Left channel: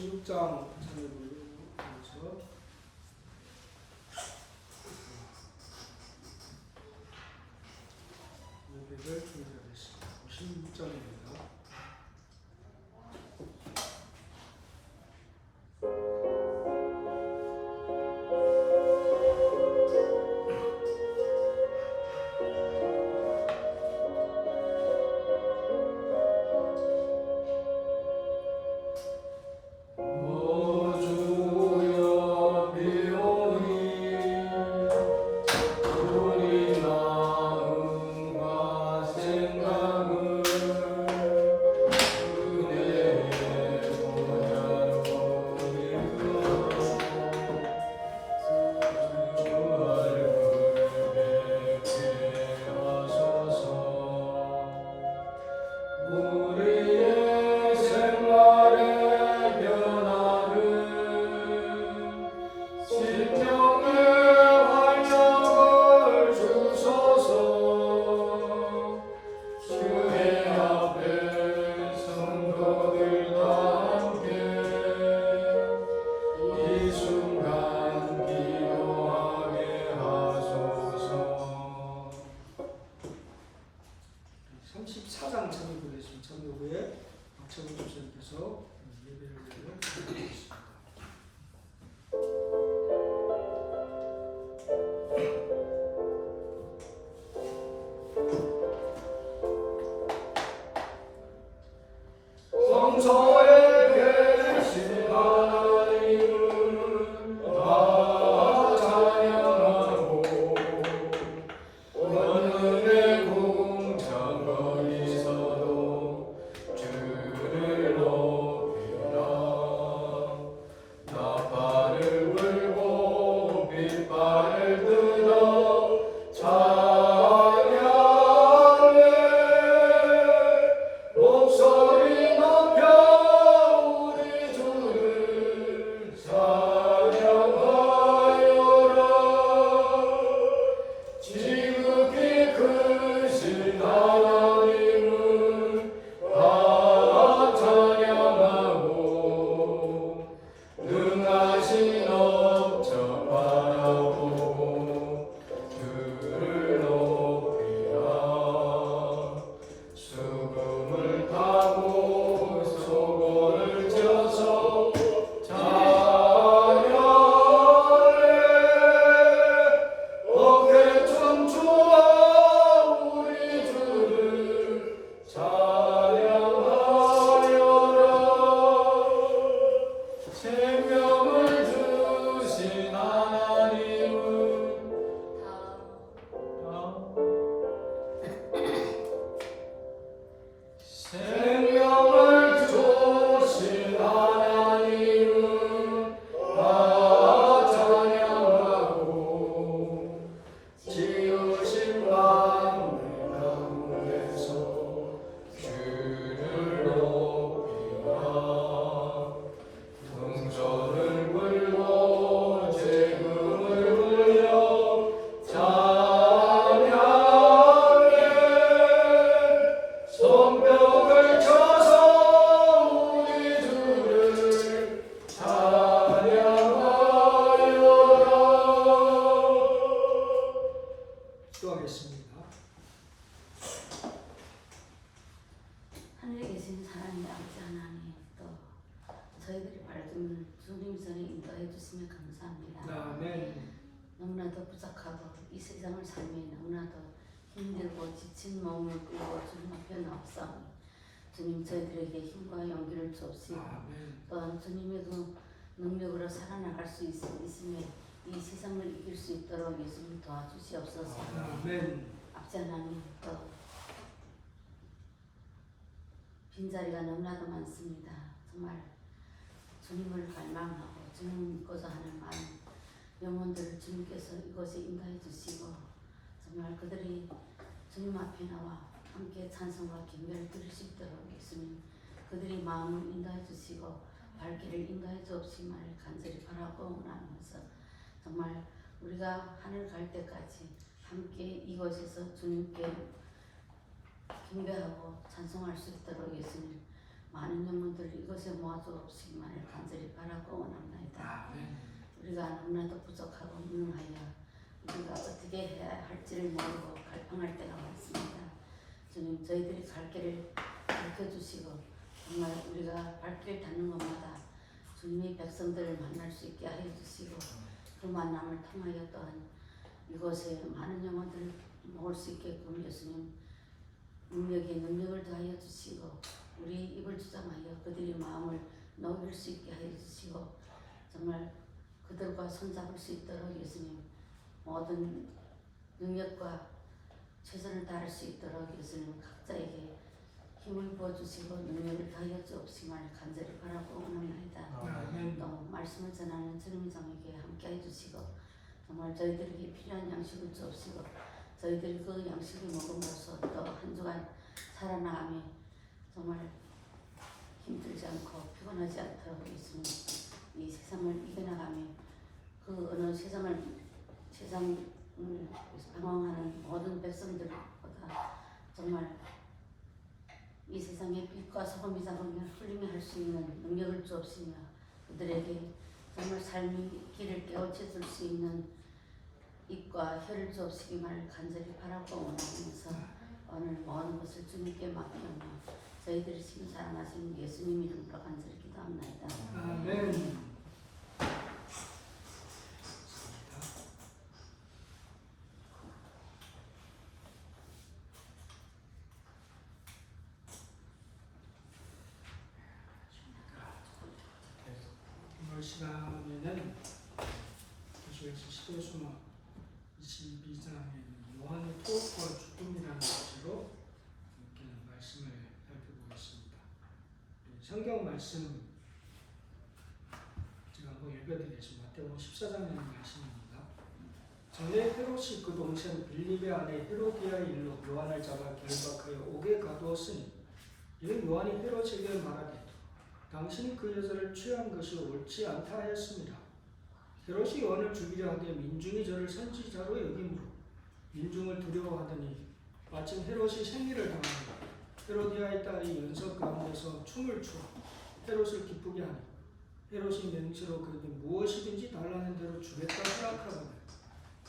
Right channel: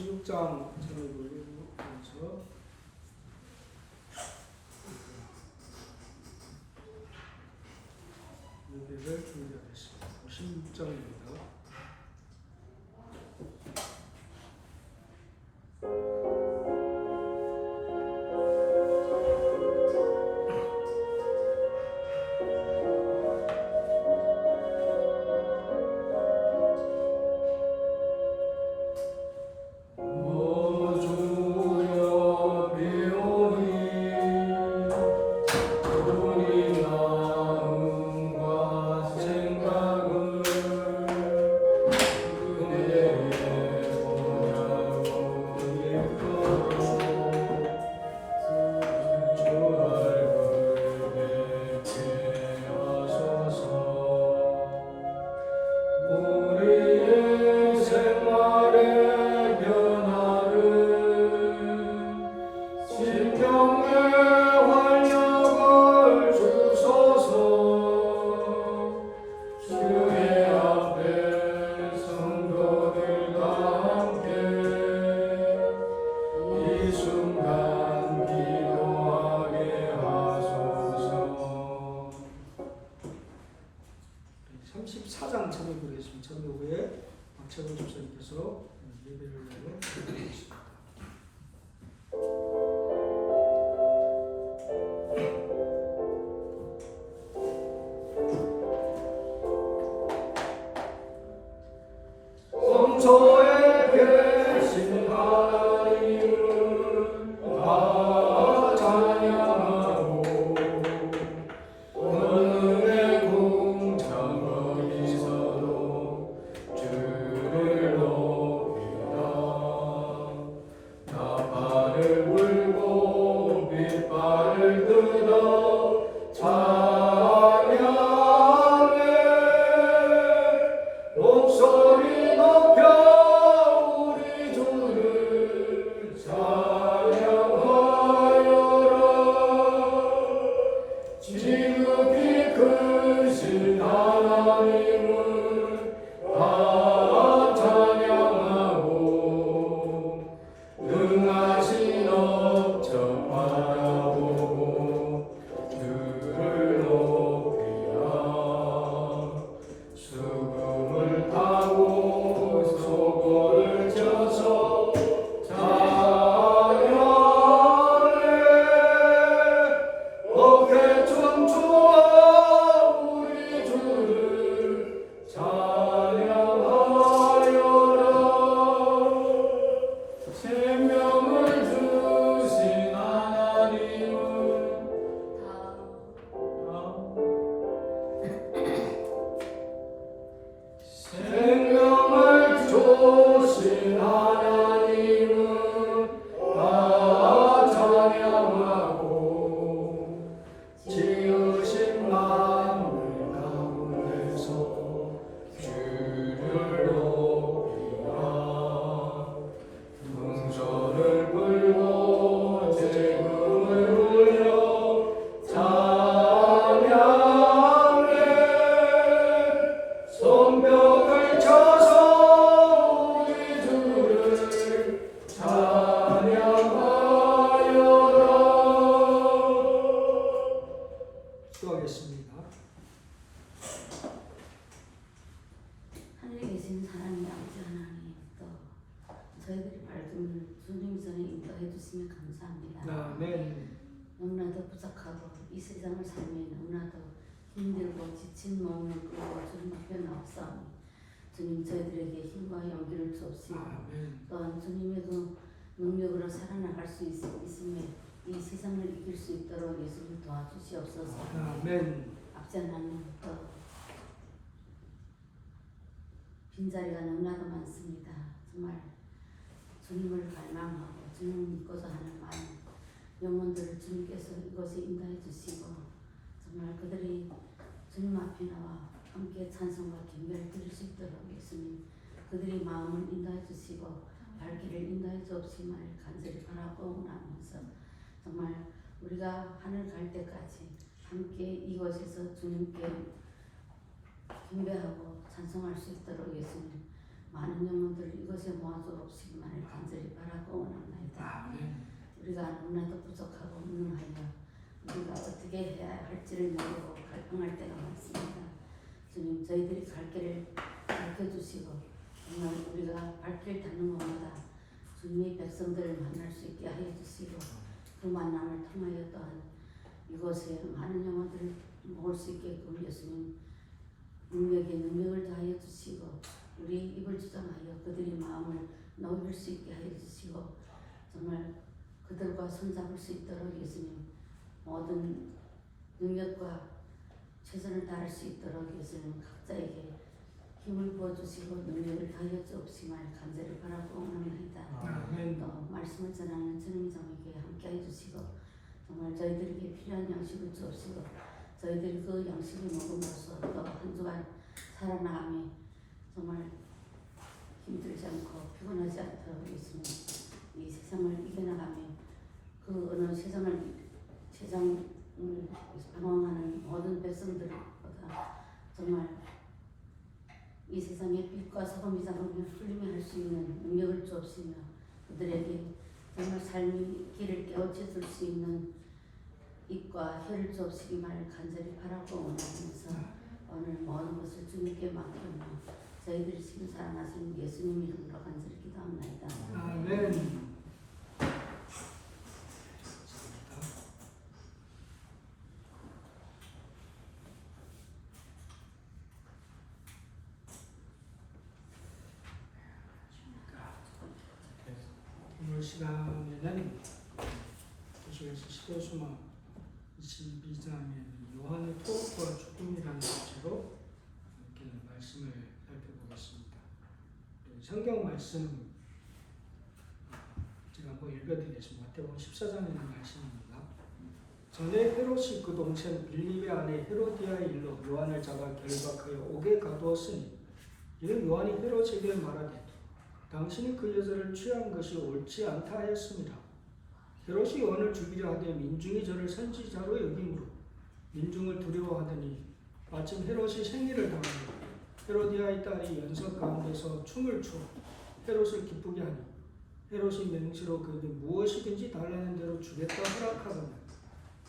56장 참여 부르면서 예배를 준비하겠습니다. 56장입니다. 참여 후에 박찬호 집사님께서 예배를 드리겠습니다. 성소에 계신 하나님은 다 찬양하고 권능의 궁창거리에서도 주를 높이라. 나팔을 불고 빗발을 들어 찬양해. 목소리 높여 우리 주를 찬양하여라. 지극히 크신 하나님은 다 찬양하고 능하신 업적 바라보고 주를 높이라. 수금을 타고 소고를 쳐서 찬양해. 어깨 춤추어 우리 주를 찬양하여라. 생명을 주신 하나님은 생명을 주신 하나님은 다 찬양하고 지으신 만물 가운데서 주를 높이라. 동전을 불고 재금을 불려 찬양해. 손뼉을 쳐서 우리 주를 찬양하여라. 기도하겠습니다. 하늘에 계신 사랑의 아버지 하나님, 또 저희들의 말씀을 주님 전에 인도해 주시면 감사합니다. 아멘. 너무나도 부족하고 이 세상을 살며 너무나도 힘들고 지친 마음을 끌고 주님 앞에 나옵사오니 주님 저희들에게 힘과 용기를 주옵시고 아멘. 또한 주님의 능력으로 살아나갈 수 있으며 이 세상을 이길 수 있도록 예수님 도와주시옵소서. 아멘. 아버지 하나님, 또 빈자리가 너무나도 많습니다. 정말 주님을 갈망하고 주님을 믿고자 하는 마음 영혼들을 주님께서 이곳에 인도해 주시고 정말 그들이 주님 앞에 나와 함께 찬송과 경배를 드릴 수 있도록 예수님 그들의 마음을 인도해 주시고 발길을 인도해 주옵시기를 간절히 바라보면서 정말 우리가 하늘 갈 때까지 함께 이곳에서 주님께 경배하고 찬송할 수 있도록 예수님 많은 영혼들 이것에 모아주옵시기만을 간절히 바라고 원합니다. 아멘. 우리가 너무나도 부족하고 무능하여 우리가 어떻게 해야 할지를 모르고 갈등할 때가 많습니다. 주님, 저희들이 갈 길을 밝혀주시고 정말 우리가 발길 닿는 곳마다 주님의 백성들을 만날 수 있게 하여 주시고 그 만남을 통하여 또한 이곳에 많은 영혼들을 모을 수 있게끔 예수님 능력에 능력을 더하여 주시고 우리 입을 주장하여 그들의 마음을 녹일 수 있게 하여 주시고 정말 그들과 손잡을 수 있도록 예수님 모든 능력과 최선을 다할 수 있도록 예수님 각자에게 힘을 부어주시고 능력을 더하여 주옵시기를 간절히 바라고 원합니다. 아멘. 또 말씀을 전하는 전임장에게 함께해 주시고 정말 저희들에게 필요한 양식을 주옵시고 저희들이 그 양식을 먹음으로써 또 한 주간 살아나가며 정말 힘들지 않고 피곤하지 않도록 예수님 이 세상을 이겨나가며 그 어느 세상을 방황하는 모든 백성들보다 정말 이 세상의 빛과 소금이 작으면 흘리며 할 수 있는 능력을 주옵시며 그들에게 정말 삶의 길을 깨우쳐 줄 수 있는 입과 혀를 주옵시기만을 간절히 바라고 원하면서 오늘 모든 것을 주님께 맡기며 저희들이 지금 사랑하시는 예수님 이름으로 간절히 기도합니다. 아멘. 오늘 시간에는 계속해서 시대수마 22장의 요한의 토과 죽음이라는 주제로 함께 말씀을 살펴보겠습니다. 성경 말씀 제가 한번 읽어드리겠습니다. 마태복음 14장에 있는 말씀입니다. 전에 헤롯이 그 동생 빌립의 아내 헤로디아의 일로 요한을 잡아 결박하여 옥에 가두었으니 이는 요한이 헤롯에게 말하되 당신이 그 여자를 취한 것이 옳지 않다 하였습니다. 헤롯이 요한을 죽이려 하되 민중이 저를 선지자로 여김으로 민중을 두려워하더니 마침 헤롯이 생리를 당하니 헤로디아의 딸이 연석 가운데서 춤을 추어 헤롯을 기쁘게 하니 헤롯이 맹세로 그에게 무엇이든지 달라는 대로 주겠다 허락하거늘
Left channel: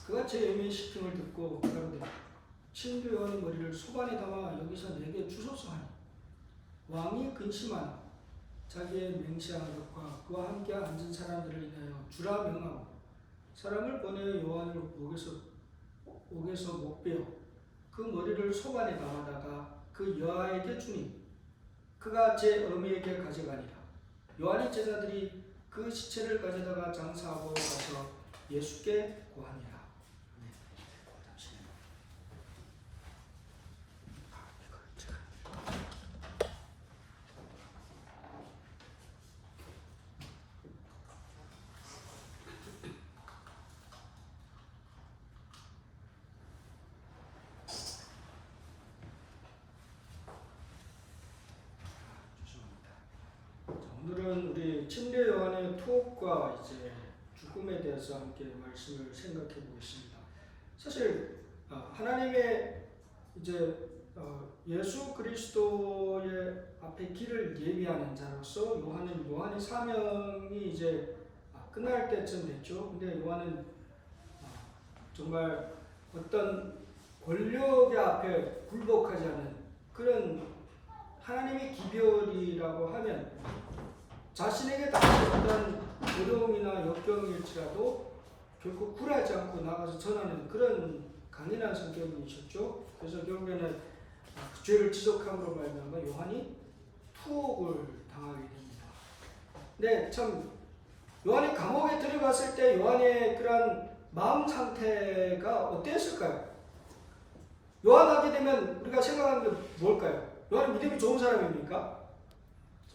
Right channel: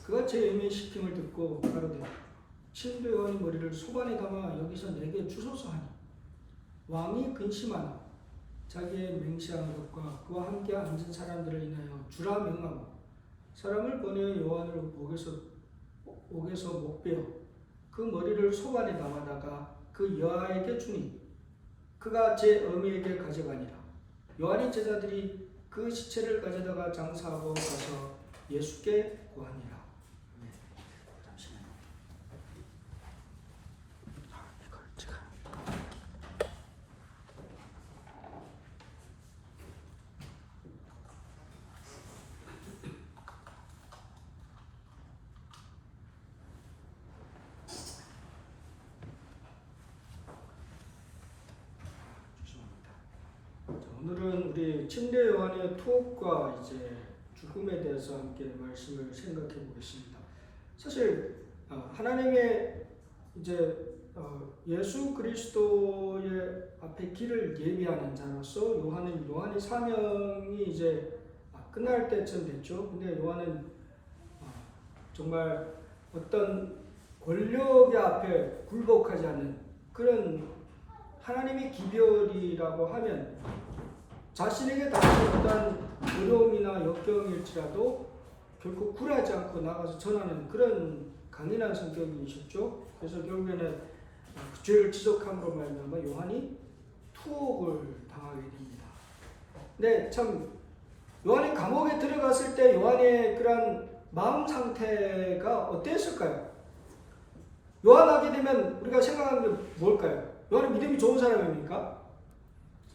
그가 제 애매의 시킴을 듣고 가로되 친부 요한의 머리를 소반에 담아 여기서 내게 주소서 하니 왕이 근심하나 자기의 맹세한 것과 그와 함께 앉은 사람들을 인하여 주라 명하고 사람을 보내어 요한을 옥에서 목베어 그 머리를 소반에 담아다가 그 여아에게 주니 그가 제 어미에게 가져가니라. 요한의 제자들이 그 시체를 가져다가 장사하고 가서 예수께 고하니라. 오늘은 우리 침례 요한의 투옥과 이제 죽음에 대해서 함께 말씀을 생각해 보겠습니다. 사실 하나님의 이제 예수 그리스도의 앞에 길을 예비하는 자로서 요한의 사명이 이제 끝날 때쯤 됐죠. 근데 요한은 정말 어떤 권력의 앞에 굴복하지 않는 그런 하나님의 기별이라고 하면 자신에게 닥친 어떤 어려움이나 역경일지라도 결코 굴하지 않고 나가서 전하는 그런 강인한 성격이셨죠. 그래서 결국에는 그 죄를 지적함으로 말미암아 요한이 투옥을 당하게 됩니다. 근데 참 요한이 감옥에 들어갔을 때 요한의 그런 마음 상태가 어땠을까요? 요한 하게 되면 우리가 생각하는 게 뭘까요? 요한은 믿음이 좋은 사람입니까?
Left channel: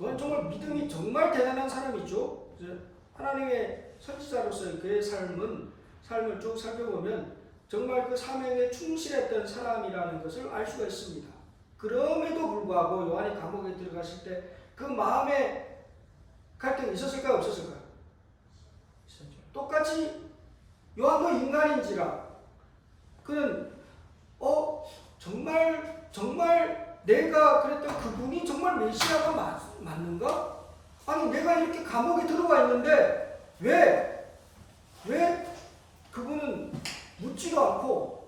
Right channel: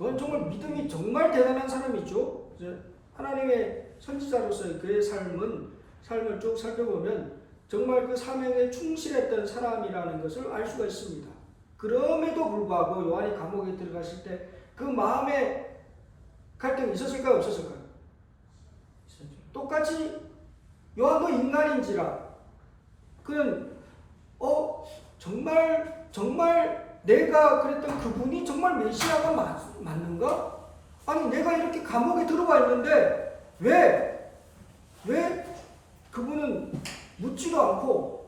요한은 정말 믿음이 정말 대단한 사람이죠. 하나님의 선지자로서의 그의 삶을 쭉 살펴보면 정말 그 사명에 충실했던 사람이라는 것을 알 수가 있습니다. 그럼에도 불구하고 요한이 감옥에 들어갔을 때 그 마음에 갈등이 있었을까요? 없었을까요? 똑같이 요한도 인간인지라 그는 정말 내가 그랬던 그분이 정말 메시아가 맞는가? 아니 내가 이렇게 감옥에 들어와 있는데 왜 그분은 묻지도 않고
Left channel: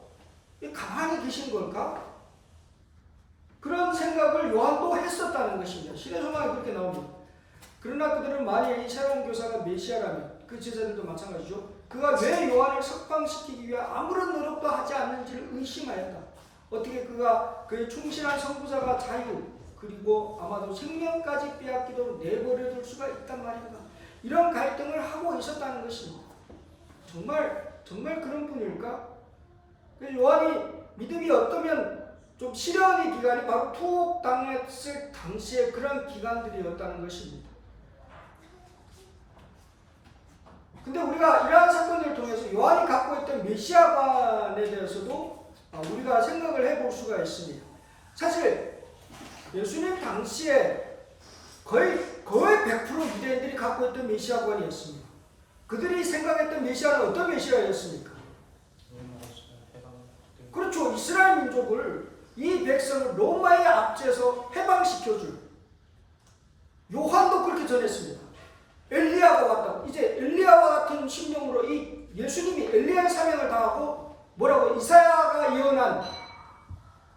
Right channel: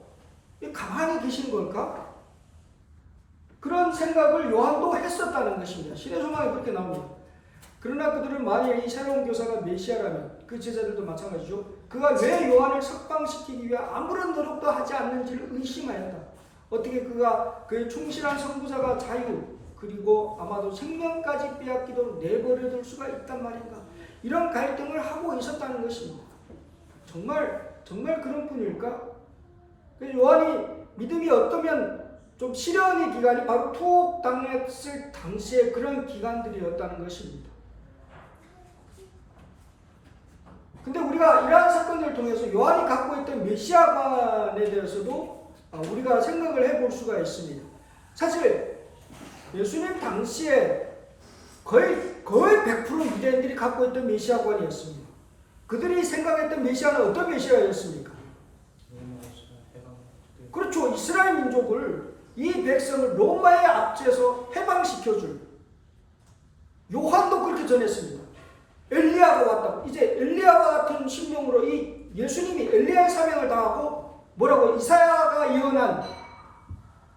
가만히 계신 걸까? 그런 생각을 요한도 했었다는 것입니다. 신의 소망이 그렇게 나옵니다. 그러나 그들은 만일 이 새로운 교사가 메시아라면 그 제자들도 마찬가지죠. 그가 왜 요한을 석방시키기 위해 아무런 노력도 하지 않는지를 의심하였다. 어떻게 그가 그의 충실한 선구자가 자유 그리고 아마도 생명까지 빼앗기도록 내버려둘 수가 있단 말인가. 이런 갈등을 하고 있었다는 것입니다. 정말 그런 분일까? 요한이 믿음이 어떠면 좀 시련의 기간이 바로 투옥당했을 당시에 그런 기간들이었다는 것입니다. 근데 우리가 이러한 사건들을 통해서 요한이 갖고 있던 메시아관에 대해서도 우리가 생각을 해볼 수가 있습니다. 사실 예수님 당시에 거의 100% 유대인들이 갖고 있던 메시아관이었습니다. 그들이 생각했던 메시아는 어떤 메시아였습니까? 그렇죠. 이스라엘 민족을, 이 백성을 로마의 압제에서 해방시켜줄, 요한도 그렇게 전했습니다. 엘리야가 왔다고. 이제 엘리야와 같은 심령으로 이 예수님이 엘리야의 사명을 다하고 뭐라고 이사야가 예언한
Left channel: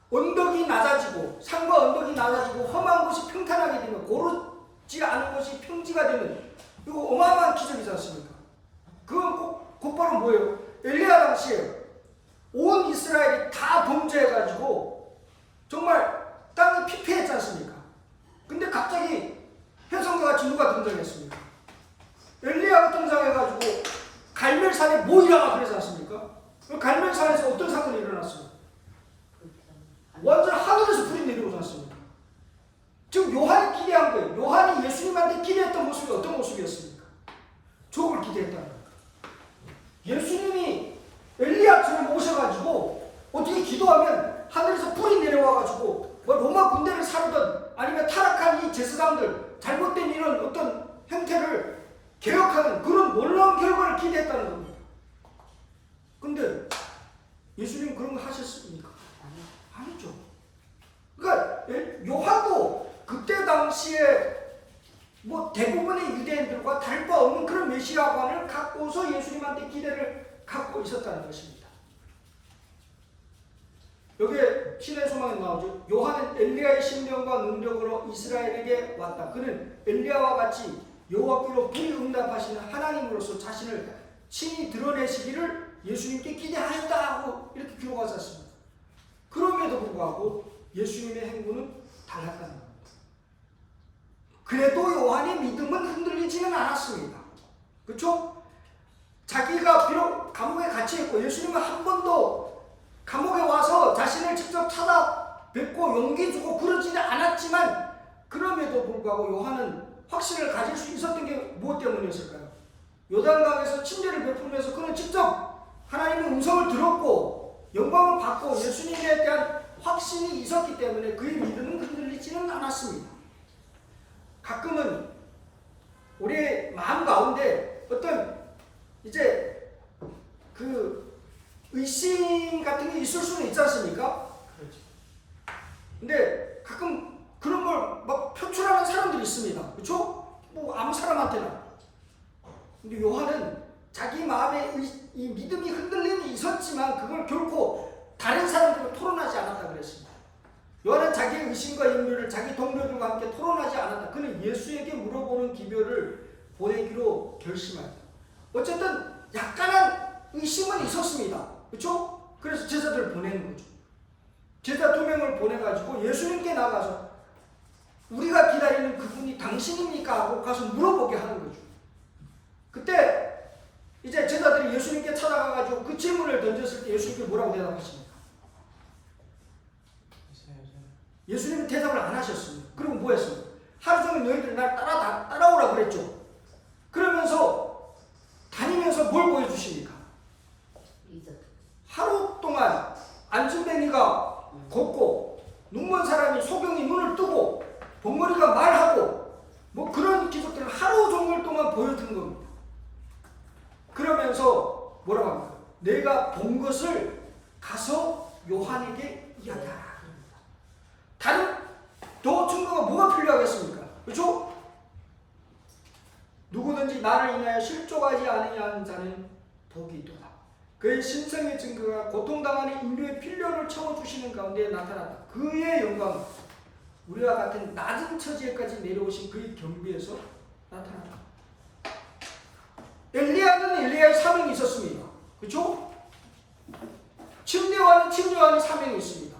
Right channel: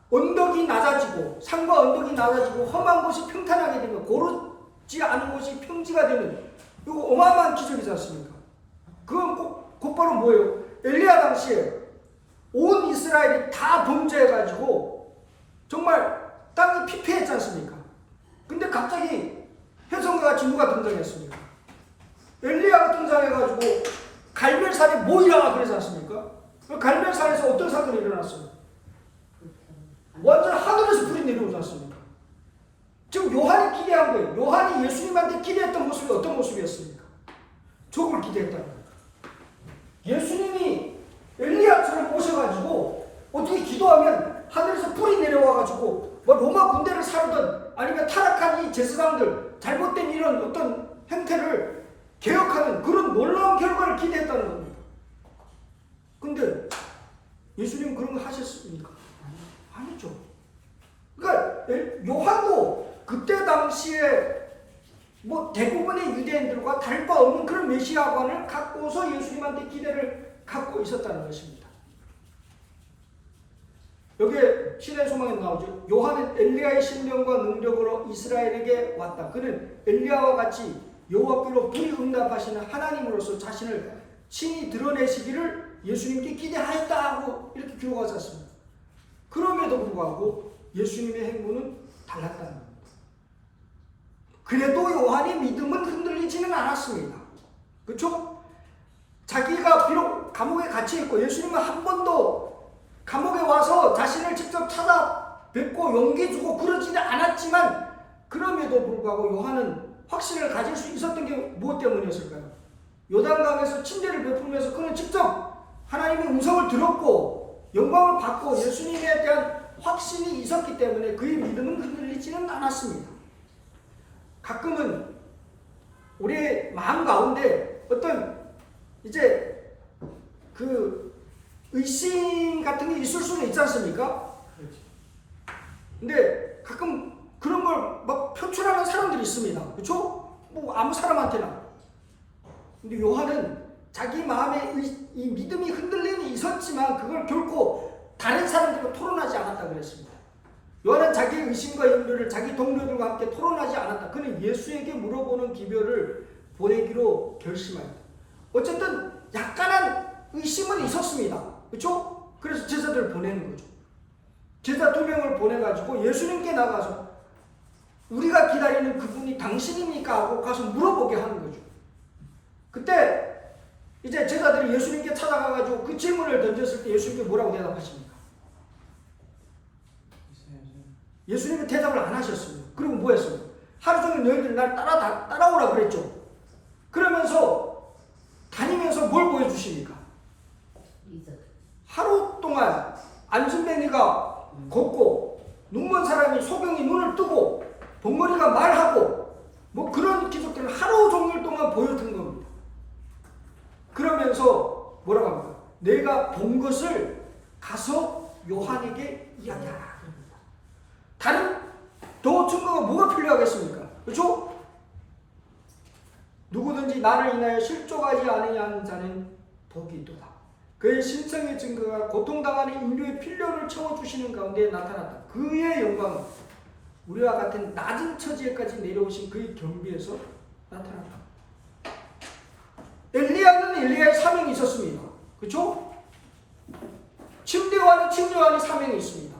언덕이 낮아지고 산과 언덕이 낮아지고 험한 곳이 평탄하게 되면 고르지 않은 곳이 평지가 되는 이거 어마어마한 기적이지 않습니까? 그건 곧바로 뭐예요? 엘리야 당시에 온 이스라엘이 다 범죄해가지고 정말 땅이 피폐했지 않습니까? 근데 갑자기 혜성과 같이 누가 등장했습니까? 엘리야가 등장해가지고 갈멜산에 모이라가 그러지 않습니까? 갈멜산에서 어떤 사건이 일어났어요? 완전 하늘에서 불이 내려오지 않습니까? 지금 요한이 기대한 거예요. 요한이 예수님한테 기대했던 모습이 어떤 모습이었습니까? 저걸 기대했다는 거예요. 예수님이 엘리야처럼 오셔가지고 어떻게 기도하면 하늘에서 불이 내려와가지고 뭐 로마 군대를 사르던 아니면 타락한 이 제사장들 잘못된 이런 어떤 형태를 개혁하는 그런 놀라운 결과를 기대했다는 겁니다. 근데 예수님 그런 거 하셨습니까? 아니죠. 그러니까 요한도 그때 당시에 뭐 대부분의 유대인들과 다를 바 없는 그런 메시아관을 갖고서 예수님한테 기대를 갖고 있었다는 것입니다. 여기에 신의 소망에 나오죠. 요한은 엘리야의 신령과 능력으로 이스라엘에게 왔다. 그는 엘리야와 같이 여호와께로 불응답하시는 하나님으로서 자신을 친히 드러내시기를 예수님께 기대하였다 하고 이렇게 기록하지 않습니다. 그럼에도 불구하고 예수님의 행보는 달랐다는 겁니다. 그래도 요한의 믿음은 흔들리지는 않았습니다. 그렇죠? 자기가 비록 감옥에 갇혀있고 예수님은 한 번도 감옥에 와서 자신을 직접 찾아뵙고 용기 주고 그러지는 않았지만 그럼에도 불구하고 요한은 확신을 가질 수 있었던 게 무엇 때문이었을까요? 요단강에서 침례를 베풀면서 그는 직접 하나님의 음성을 들었고 영광을 받고 예수님에 대한 확신이 있었기 때문에 그의 믿음은 흔들리지는 않았습니다. 가끔은 우리의 마음 가운데 어떤 이제 그 의심 같은 게 있을 수는 있지 않습니까? 근데 가끔 그런 걸 막 표출하는 사람들이 있습니다. 그렇죠? 뭐 아무 사람한테나. 근데 요한은 자기 마음에 이 믿음이 흔들림이 있었지만 그걸 결코 다른 사람들과 토론하지 않았다 그랬습니다. 요한은 자기의 의심과 염려를 자기 동료들과 함께 토론하지 않았다. 그는 예수에게 물어보는 기별을 보내기로 결심하였다. 어쨌든 약간한 의심은 있었습니다. 그렇죠? 그래서 제자들을 보내는 거죠. 제자 2명을 보내가지고 예수님께 나가서 우리가 기다리는 그분이 당신입니까? 하고 가서 물어보게 하는 거죠. 그때 이제 제자들이 예수님께 찾아가가지고 그 질문을 던졌을 때 예수님께 뭐라고 대답하십니까? 예수님은 대답을 안 하셨습니다. 그리고 뭐 했어요? 하루 종일 너희들 날 따라오라 그랬죠. 그러면서 다니면서 뭘 보여주십니까? 하루 동안 안순뱅이가 걷고 눈먼 사람이 소경이 눈을 뜨고 봉머리가 말하고 뭐 그런 기적들을 하루 종일 동안 보여준 겁니다. 그러면서 뭐라고 합니까? 내가 본 것을 가서 요한에게 이야기하라. 다른 더 증거가 뭐가 필요하겠습니까? 그렇죠? 누구든지 나를 인하여 실족하지 않으냐 하는 자는 복이 있도다. 그의 신성의 증거가 고통당하는 인류의 필요를 채워주시는 가운데 나타났다. 그의 영광은 우리와 같은 낮은 처지에까지 내려오신 그의 겸비에서 나타났다. 엘리야는 엘리야의 사명이 있었습니다. 그렇죠? 침례요한은 침례요한의 사명이 있습니다.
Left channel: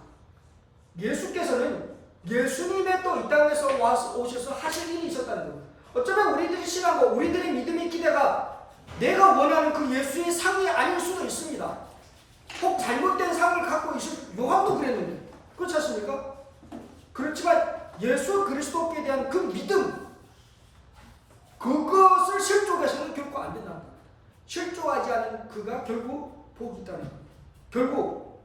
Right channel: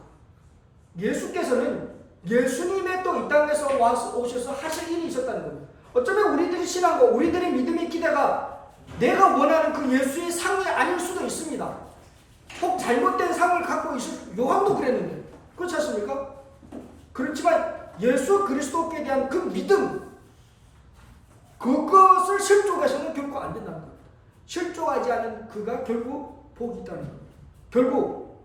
예수께서는 예수님의 또 이 땅에서 오셔서 하실 일이 있었다는 겁니다. 어쩌면 우리들이 신앙과 우리들의 믿음의 기대가 내가 원하는 그 예수의 상이 아닐 수도 있습니다. 혹 잘못된 상을 갖고 있을, 요한도 그랬는데 그렇지 않습니까? 그렇지만 예수 그리스도께 대한 그 믿음, 그것을 실족해서는 결코 안 된다는 겁니다. 실족하지 않은 그가 결국 복이 있다는 겁니다. 결국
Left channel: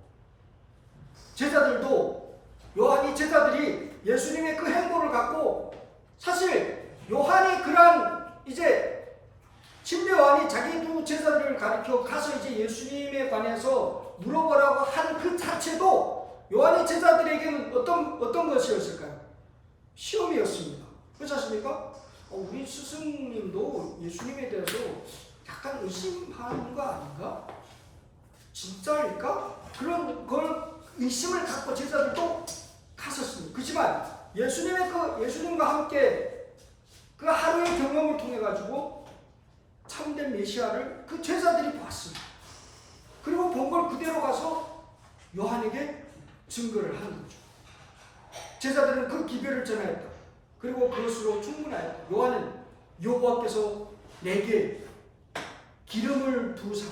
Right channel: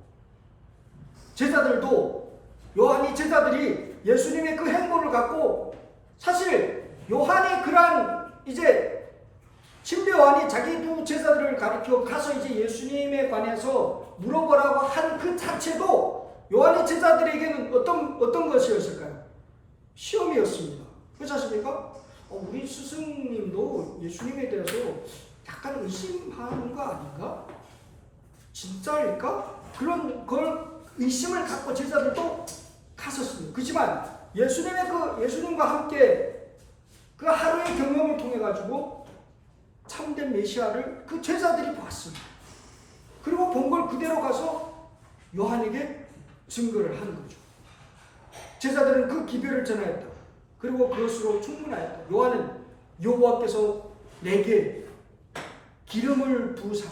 제자들도, 요한이 제자들이 예수님의 그 행보를 갖고, 사실 요한이 그러한 이제 침례 요한이 자기 두 제자들을 가리켜 가서 이제 예수님에 관해서 물어보라고 한 그 자체도 요한의 제자들에게는 어떤 것이었을까요? 시험이었습니다. 그렇지 않습니까? 우리 스승님도 예수님에 대해서 약간 의심하는 거 아닌가? 진짜일까? 그런 걸 의심을 갖고 제자들도 갔었습니다. 그렇지만 예수님과 함께 그 하루의 경험을 통해 가지고 참된 메시아를 그 제자들이 봤습니다. 그리고 본 걸 그대로 가서 요한에게 증거를 한 거죠. 제자들은 그 기별을 전하였다. 그리고 그것으로 충분하였다. 요한은 여호와께서 내게 기름을 부으사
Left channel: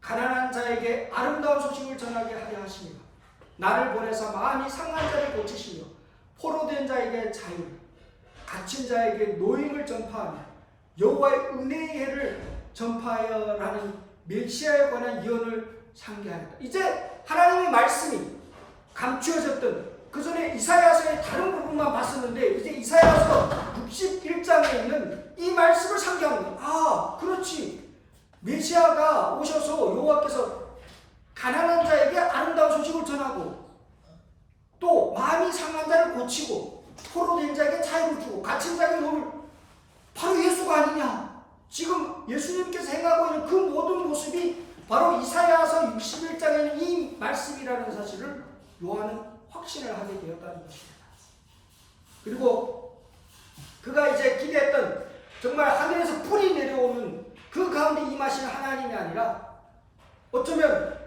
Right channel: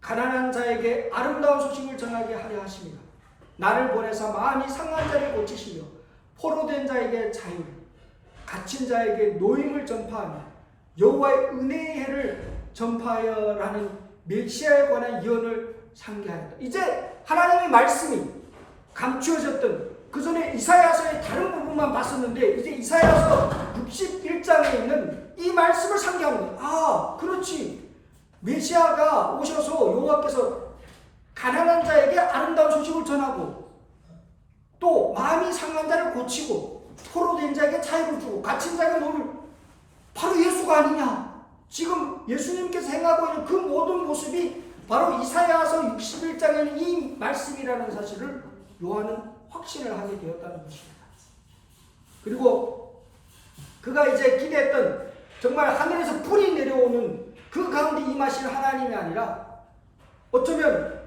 가난한 자에게 아름다운 소식을 전하게 하려 하십니다. 나를 보내사 마음이 상한 자를 고치시며 포로된 자에게 자유, 갇힌 자에게 노임을 전파하며 여호와의 은혜의 해를 전파하여라는 메시아에 관한 예언을 상기하였다. 이제 하나님의 말씀이 감추어졌던 그 전에 이사야서의 다른 부분만 봤었는데 이제 이사야서 61장에 있는 이 말씀을 상기하는 거예요. 아, 그렇지. 메시아가 오셔서 여호와께서 가난한 자에게 아름다운 소식을 전하고 또 마음이 상한 자를 고치고 포로된 자에게 자유를 주고 갇힌 자에게 노를, 바로 예수가 아니냐. 지금 예수님께서 행하고 있는 그 모든 모습이 바로 이사야서 61장에는 이 말씀이라는 사실을 요한은 확신을 하게 되었다는 것입니다. 그리고 그가 이제 기대했던 정말 하늘에서 불이 내려오는 그 가운데 임하실 하나님이 아니라 어쩌면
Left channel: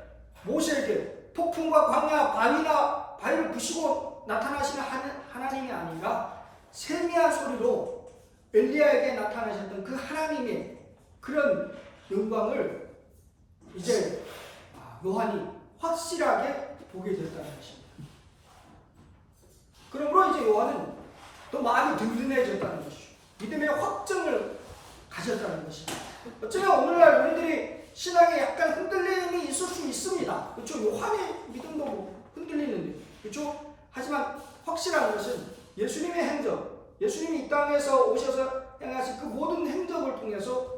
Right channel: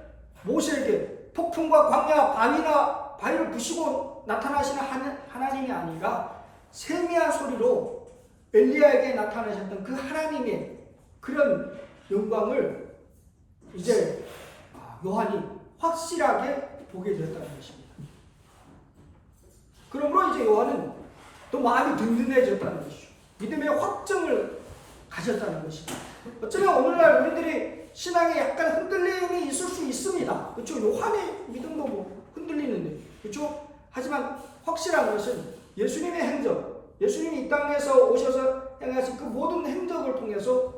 모세에게 폭풍과 광야, 바위를 부시고 나타나시는 하나님이 아니라 세미한 소리로 엘리야에게 나타나셨던 그 하나님의 그런 영광을 이제 요한이 확실하게 보게 되었다는 것입니다. 그러므로 이제 요한은 또 마음이 든든해졌다는 것이죠. 믿음의 확증을 가졌다는 것입니다. 어쩌면 오늘날 우리들이 신앙에 약간 흔들림이 있을 수 있습니다. 그렇죠? 요한의 믿음도 뭐 흔들리는데, 그렇죠? 하지만 확실한 것은 예수님의 행적, 예수님이 이 땅에서 오셔서 행하신 그 모든 행적을 통해서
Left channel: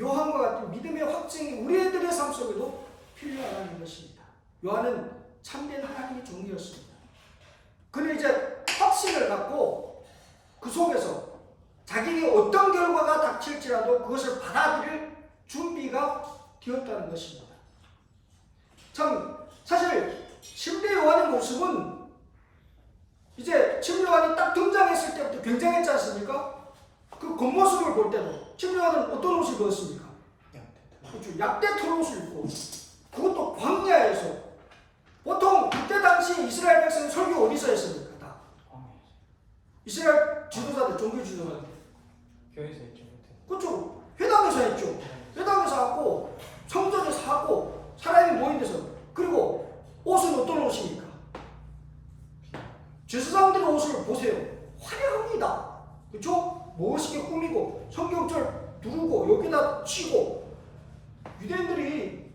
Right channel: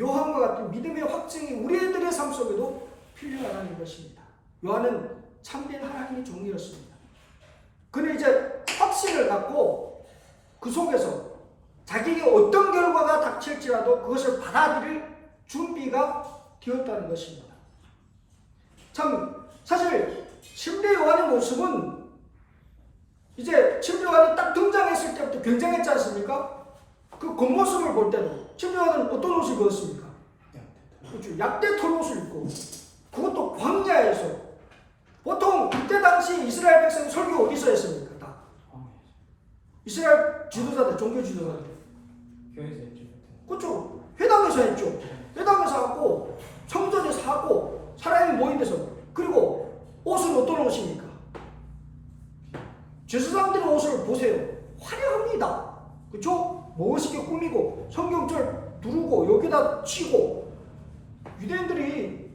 요한과 같은 믿음의 확증이 우리들의 삶 속에도 필요하다는 것입니다. 요한은 참된 하나님의 종이었습니다. 그는 이제 확신을 갖고 그 속에서 자기에게 어떤 결과가 닥칠지라도 그것을 받아들일 준비가 되었다는 것입니다. 참 사실 침례 요한의 모습은 이제 침례 요한이 딱 등장했을 때부터 굉장했지 않습니까? 그 겉모습을 볼 때도 침례 요한은 어떤 옷을 입었습니까? 그렇죠. 약대 털옷을 입고, 그것도 광야에서. 보통 그때 당시 이스라엘 백성 설교 어디서 했습니까? 다 이스라엘 지도자들, 종교 지도자들 교회에서 했죠. 그렇죠. 회당에서 했죠. 회당에서 하고 성전에서 하고 사람이 모인 데서. 그리고 옷은 어떤 옷입니까? 제사장들의 옷을 보세요. 화려합니다. 그렇죠? 멋있게 꾸미고 성경절 두르고 여기다 치고, 유대인들이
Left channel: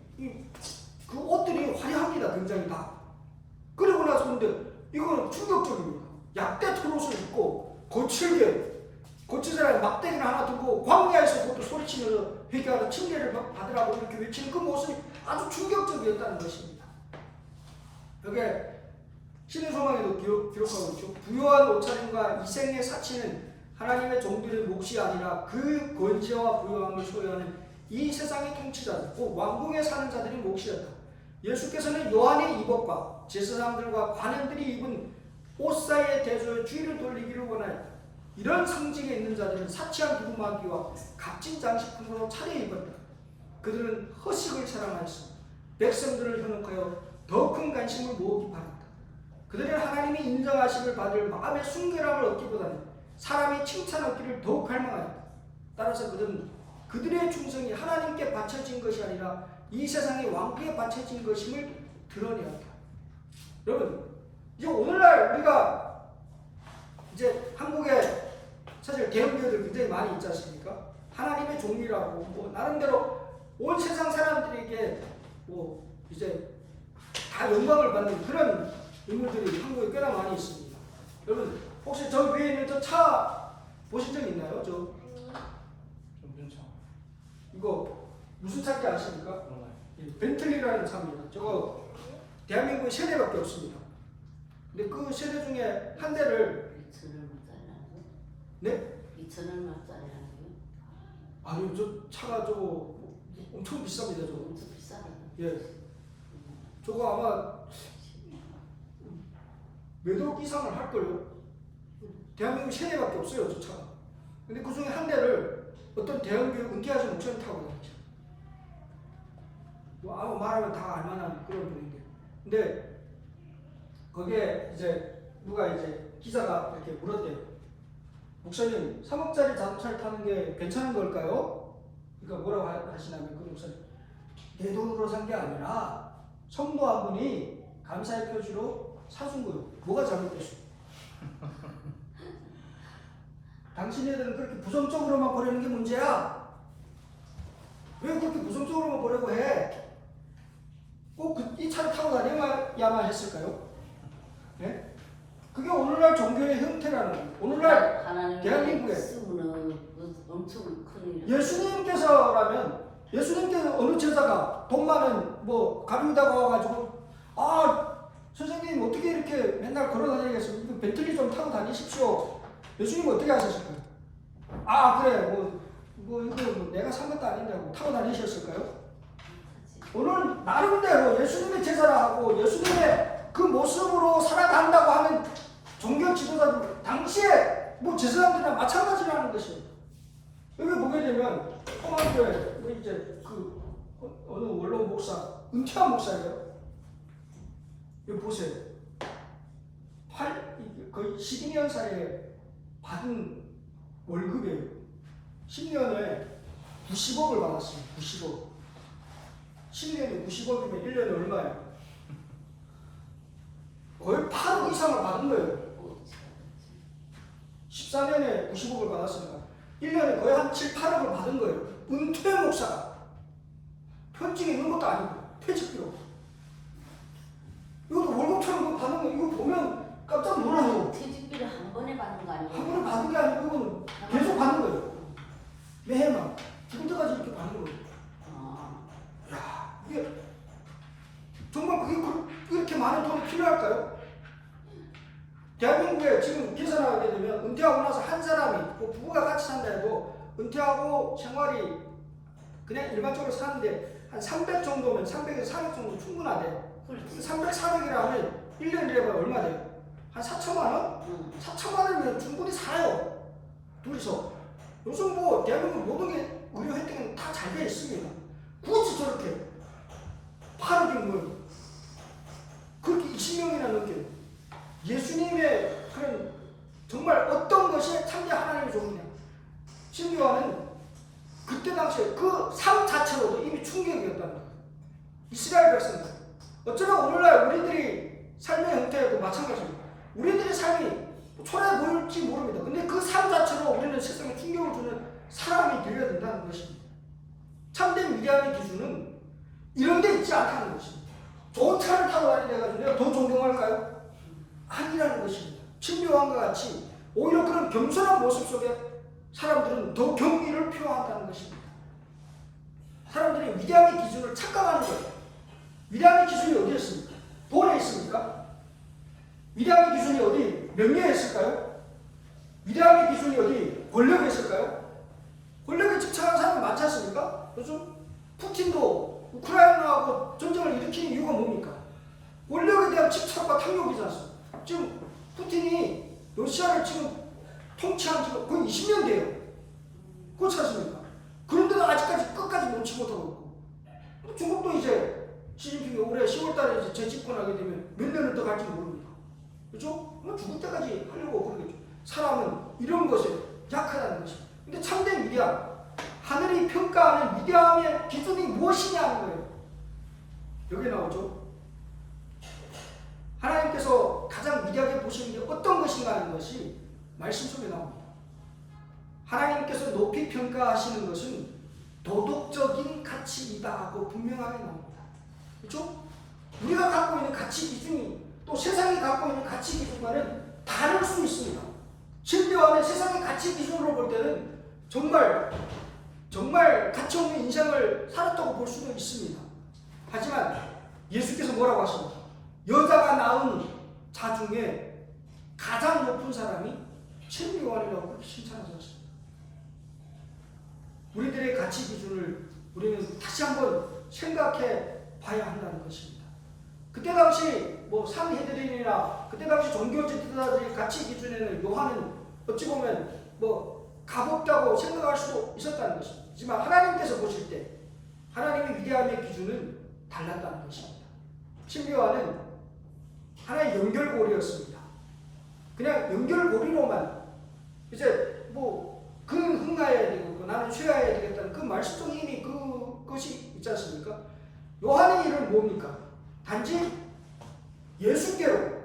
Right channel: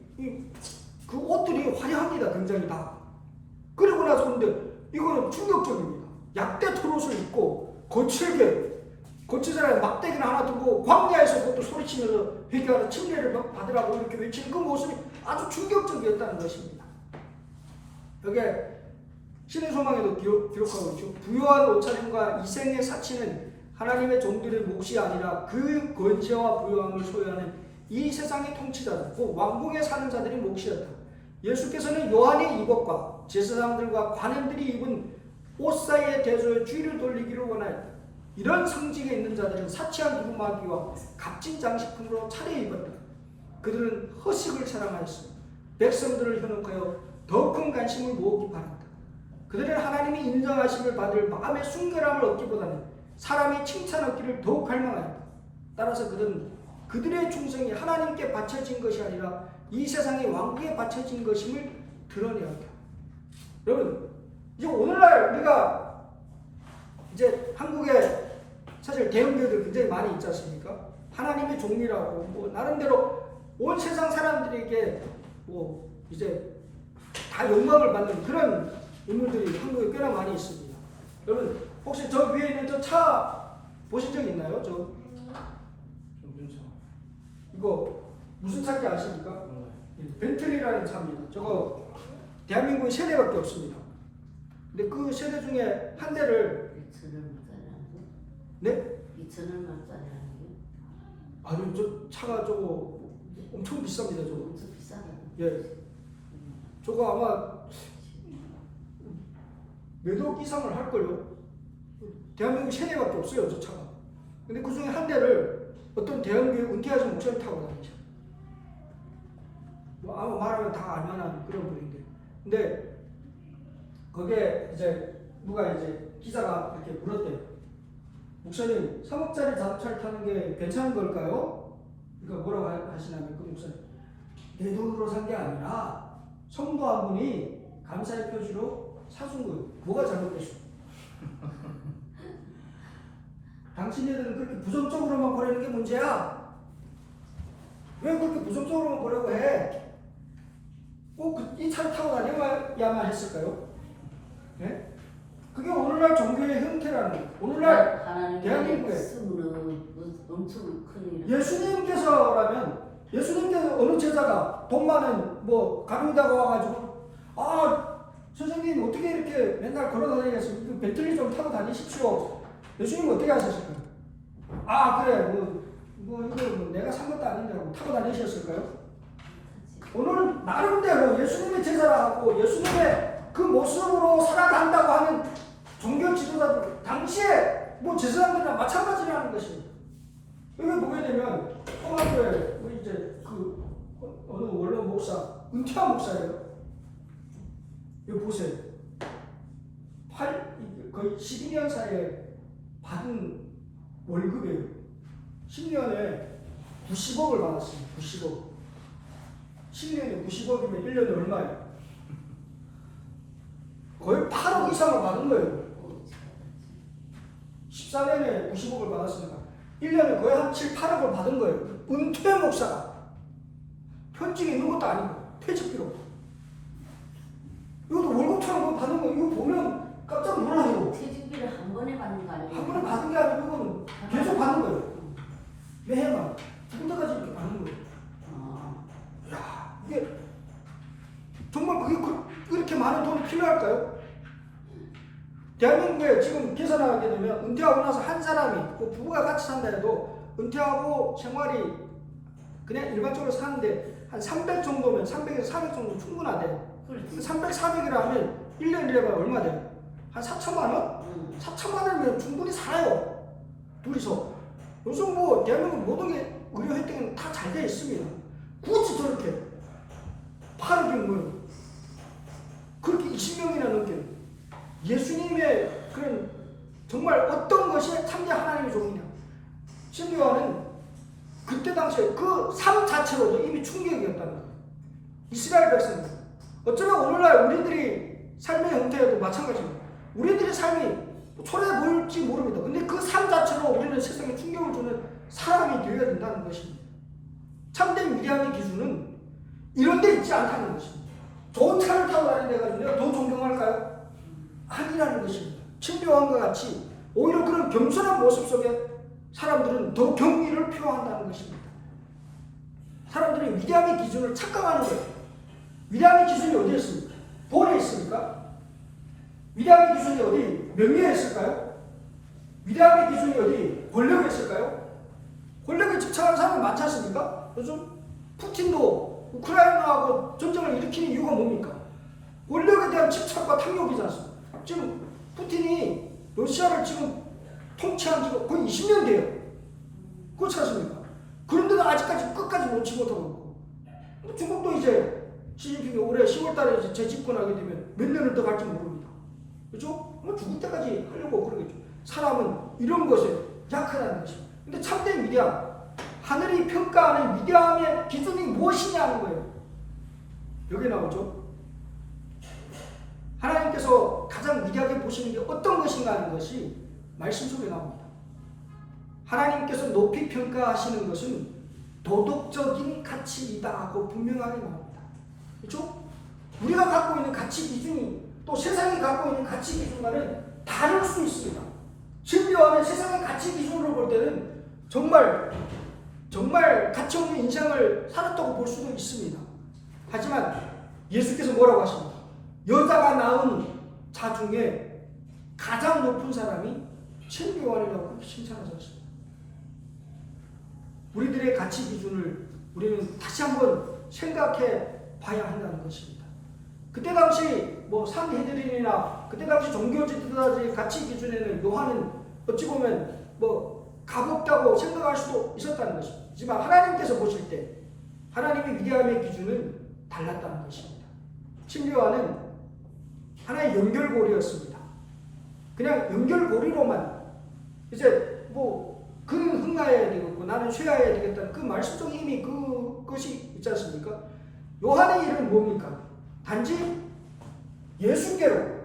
그 옷들이 화려합니다. 굉장히 다. 그리고 나서 근데 이거는 충격적입니다. 약대 털옷을 입고 거칠게 막대기를 하나 들고 광야에서 그것도 소리치면서 회개하러 침례를 받으라고 이렇게 외치는 그 모습이 아주 충격적이었다는 것입니다. 여기에 신의 소망에도 기록하고 있죠. 부요한 옷차림과 이생의 사치는 하나님의 종들의 몫이 아니라 그 권세와 부요함을 소유하는 이 세상의 통치자들, 그 왕궁에 사는 자들이 몫이었다. 예수께서는 요한의 이복과 제사장들과 관원들이 입은 옷 사이에 대조해 주의를 돌리기를 원하였다. 이런 성직에 있는 자들은 사치한 두루마기와 값진 장식품으로 차려입었다. 그들은 허식을 사랑하였으며 백성들을 현혹하여 더 큰 관심을 모으기 바랐다. 그들은 하나님이 인정하심을 받을 마음의 순결함을 얻기보다는 사람이 칭찬 얻기를 더욱 갈망하였다. 따라서 그들은 그들의 충성이 하나님께 바쳐진 것이 아니라 이 세상의 왕국에 바쳐진 것임을 드러내었다. 여러분, 이제 오늘날 우리가 이제 한국에 사실 대형교회들 굉장히 많이 있지 않습니까? 하나님의 종이라고 뭐 나름대로 온 세상 사람들에게 뭐 이제 다 영광을 받는 그런 인물들이 한국에 꽤나 많이 있습니다. 여러분 혹시 저 위에 있는 저 차 보신 적 있나요? 이거 무슨 차인지 아십니까? 벤틀리라는 차입니다. 저거 대한민국에 3대밖에 없습니다. 근데 그 3대 중에 한 대를 2,000원짜리 네? 2,000원짜리 아니요, 저 차가 저거 엄청 비쌉니다. 저거. 엄청 비싸다. 예. 저거 아마 몇 억 이상을 할걸요. 대한민국 3대밖에 없어요, 저 차가. 근데 그 중에 한 대를 어떤 대형교회 은퇴하신 목사님 타고 다니죠. 뭐 아마 말하면 다 알만한 그런 분인데. 근데 거기에 이제 누가 이제 기자가 이렇게 물었대요. 목사님, 3억짜리 자동차를 타는 게 괜찮은 걸까요? 그러니까 뭐라고 하시냐면 그 목사님, 내 돈으로 산 게 아니라 성도 한 분이 감사의 표시로 사준 거예요. 뭐가 잘못됐어? 당신네들은 그렇게 부정적으로만 보내는 게 문제야. 왜 그렇게 부정적으로만 보려고 해? 꼭 이 차를 타고 다녀야만 했을까요? 네? 그게 오늘날 종교의 형태라는 거예요. 오늘날 대한민국에 엄청 큰 예수님께서라면 예수님께 어느 제자가 돈 많은 뭐 가룟다가 와가지고 선생님 어떻게 이렇게 맨날 걸어 다니겠습니까? 벤틀리 좀 타고 다니십시오. 예수님 어떻게 하셨을까요? 그래 이거 내가 산 것도 아닌데 타고 다니셨을까요? 오늘 나름대로 예수님의 제자라고 예수님의 그 모습으로 살아간다고 하는 종교 지도자들 당시에 뭐 제사장들이랑 마찬가지라는 것이에요. 여기 보게 되면 포마교회 뭐 이제 그 어느 원로 목사 은퇴한 목사예요. 여기 보세요. 거의 12년 사이에 받은 월급이에요. 10년에 90억을 받았어요. 90억. 10년에 90억이면 1년에 얼마예요? 거의 8억 이상을 받은 거예요. 14년에 90억을 받았으니까 1년에 거의 한 7, 8억을 받은 거예요. 은퇴 목사가. 현직에 있는 것도 아니고 퇴직비로. 이것도 월급처럼 받는 거 이거 보면 깜짝 놀라요. 퇴직비를 한 번에 받는 거 아니에요? 한 번에 받은 게 아니고 이거는 계속 받는 거예요. 매해만 죽을 때까지 이렇게 받는 거예요. 야, 이게 정말 그게 그렇게 많은 돈이 필요할까요? 대한민국에 지금 계산하게 되면 은퇴하고 나서 한 사람이 뭐 부부가 같이 산다 해도 은퇴하고 생활이 그냥 일반적으로 사는데 한 300 정도면 300에서 400 정도 충분하대요. 300, 400이라면 1년이라면 얼마 돼요? 한 4천만 원? 4천만 원이면 충분히 살아요. 둘이서. 요즘 뭐 대한민국 모든 게 의료 혜택은 다 잘 돼 있습니다. 굳이 저렇게 8억이 뭐예요? 그렇게 20명이나 넘게 예수님의 그런 정말 어떤 것이 참된 하나님의 종이냐. 신요한은 그때 당시에 그 삶 자체로도 이미 충격이었다는 거예요. 이스라엘 백성들. 어쩌면 오늘날 우리들이 삶의 형태에도 마찬가지입니다. 우리들의 삶이 초라해 보일지 모릅니다. 근데 그 삶 자체로 우리는 세상에 충격을 주는 사람이 되어야 된다는 것입니다. 참된 위대함의 기준은 이런 데 있지 않다는 것입니다. 좋은 차를 타고 다니는 내가 더 존경할까요? 아니라는 것입니다. 친묘한과 같이 오히려 그런 겸손한 모습 속에 사람들은 더 경의를 표한다는 것입니다. 사람들이 위대함의 기준을 착각하는 거예요. 위대함의 기준이 어디에 있습니까? 돈에 있습니까? 위대함의 기준이 어디 명예에 있을까요? 위대함의 기준이 어디 권력에 있을까요? 권력에 집착하는 사람이 많지 않습니까? 요즘 푸틴도 우크라이나하고 전쟁을 일으키는 이유가 뭡니까? 권력에 대한 집착과 탐욕이지 않습니까? 지금 푸틴이 러시아를 지금 통치한 지가 거의 20년 돼요. 그렇지 않습니까? 그런데도 아직까지 끝까지 놓지 못하고 있고, 중국도 이제 시진핑이 올해 10월 달에 이제 재집권하게 되면 몇 년을 더 갈지 모릅니다. 그렇죠? 뭐 죽을 때까지 하려고 그러겠죠. 사람은 이런 것에 약하다는 것입니다. 근데 참된 위대함, 하늘이 평가하는 위대함의 기준이 무엇이냐 하는 거예요. 여기 나오죠. 하나님께서 가장 위대하게 보시는 게 어떤 것인가 하는 것이 말씀 속에 나옵니다. 하나님께서 높이 평가하시는 것은 도덕적인 가치이다 하고 분명하게 나옵니다. 그렇죠? 우리가 갖고 있는 가치 기준이 또 세상이 갖고 있는 가치 기준과는 다를 수 있습니다. 신비와는 세상의 가치 기준으로 볼 때는 정말 가치 없는 인생을 살았다고 볼 수도 있습니다. 하지만 예수께서 뭐라고 하십니까? 여자가 낳은 자 중에 가장 높은 사람이 신비와이라고 그렇게 칭찬하지 않습니다. 우리들의 가치 기준을 우리는 다시 한번 생각해 봐야 한다는 것입니다. 그때 당시 뭐 산헤드린이나 그때 당시 종교 지도자들의 가치 기준에는 요한은 어찌 보면 뭐 값없다고 생각할 수도 있었다는 것입니다. 하지만 하나님께서 보실 때 하나님의 위대함의 기준은 달랐다는 것입니다. 신비와는 하나의 연결고리였습니다. 그냥 연결고리로만 이제 뭐 그는 흥하여야 되겠고 나는 쇠하여야 되겠다는 그 말씀 속에 이미 그것이 있지 않습니까? 요한의 일은 뭡니까? 단지 예수께로